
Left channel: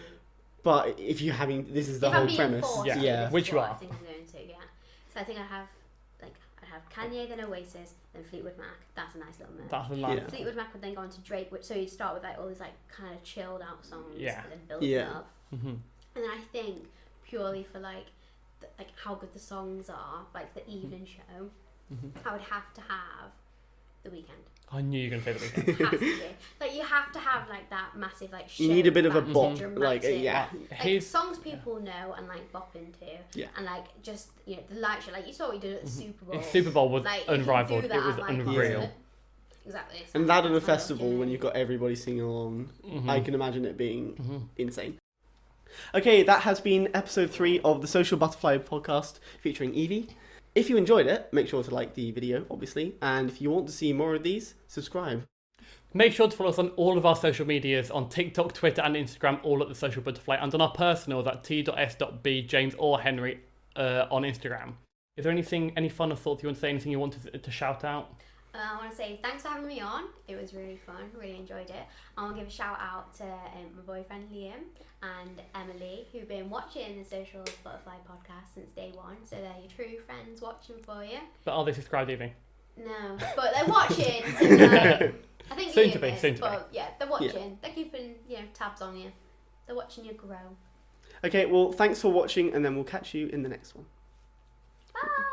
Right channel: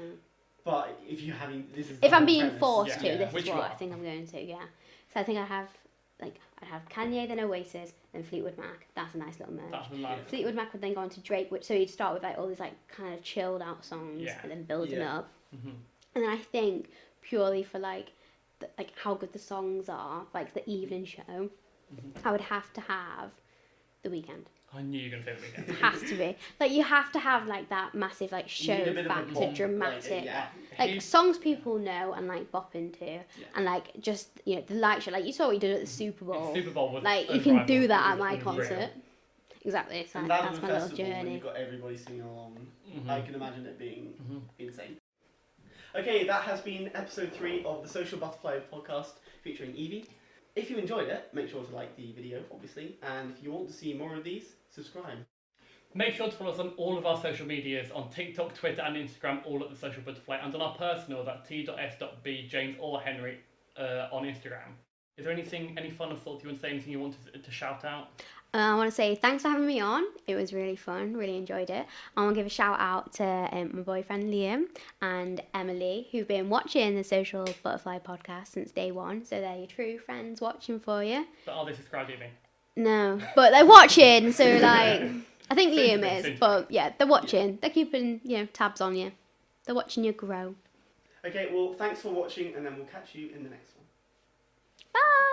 But if you're having, this is the If whole I'm being premise. forced to, this Which is you what are. I think I'm going to. Yeah. So I think I have Kanye, then Oasis, then Fleetwood Mac. That's a nice little merge. That's the line. Yeah. Fleetwood Mac would then go on to Drake, so you'd start with like all these like kind of chilled out songs, and then build it up. Mm-hmm. And then I think purely for like how good the songs are, like the evening show, I would have to have The Weeknd. I knew you were going to say The Weeknd. It has to be. Like you have to have like that massive like show. You need a bit of a factor, bop, dramatic. Like songs people know and like bop into, and like just the light show. Like you saw what you did at the Super Bowl. Super Bowl was like unrivaled. you can do It that was at my unreal. concert. Exactly. So And that at a that's my little festival when journey. you've got everybody singing along, I can imagine it being insane. Okay, that has been episode 3 of the Social Butterfly podcast featuring Evie. If you enjoyed it, make sure to like the video, obviously, and if you want to see more of these, subscribe. Make sure to follow us on all of our social medias, on TikTok, Twitter and Instagram, all at The Social Butterfly, and on our personals at T.S.B James or Henry on Instagram. Is there any final thoughts you want to say, anything you want to shout out? I want to say thanks for having me on. It was really fun, really enjoyed it. I want to give a shout out to my boyfriend Liam and Emily, who've been watching the Social Butterfly podcast since day one. So they're your true friends watching for you. But are they subscribed, Evie? No, but they're watching, so like, I think Soon to Liam be, is, soon to but yeah, they're watching. They're keeping, tabs on you. They're watching you grow. Okay, well, thanks for watching, and then we'll catch you in the next one. Bye!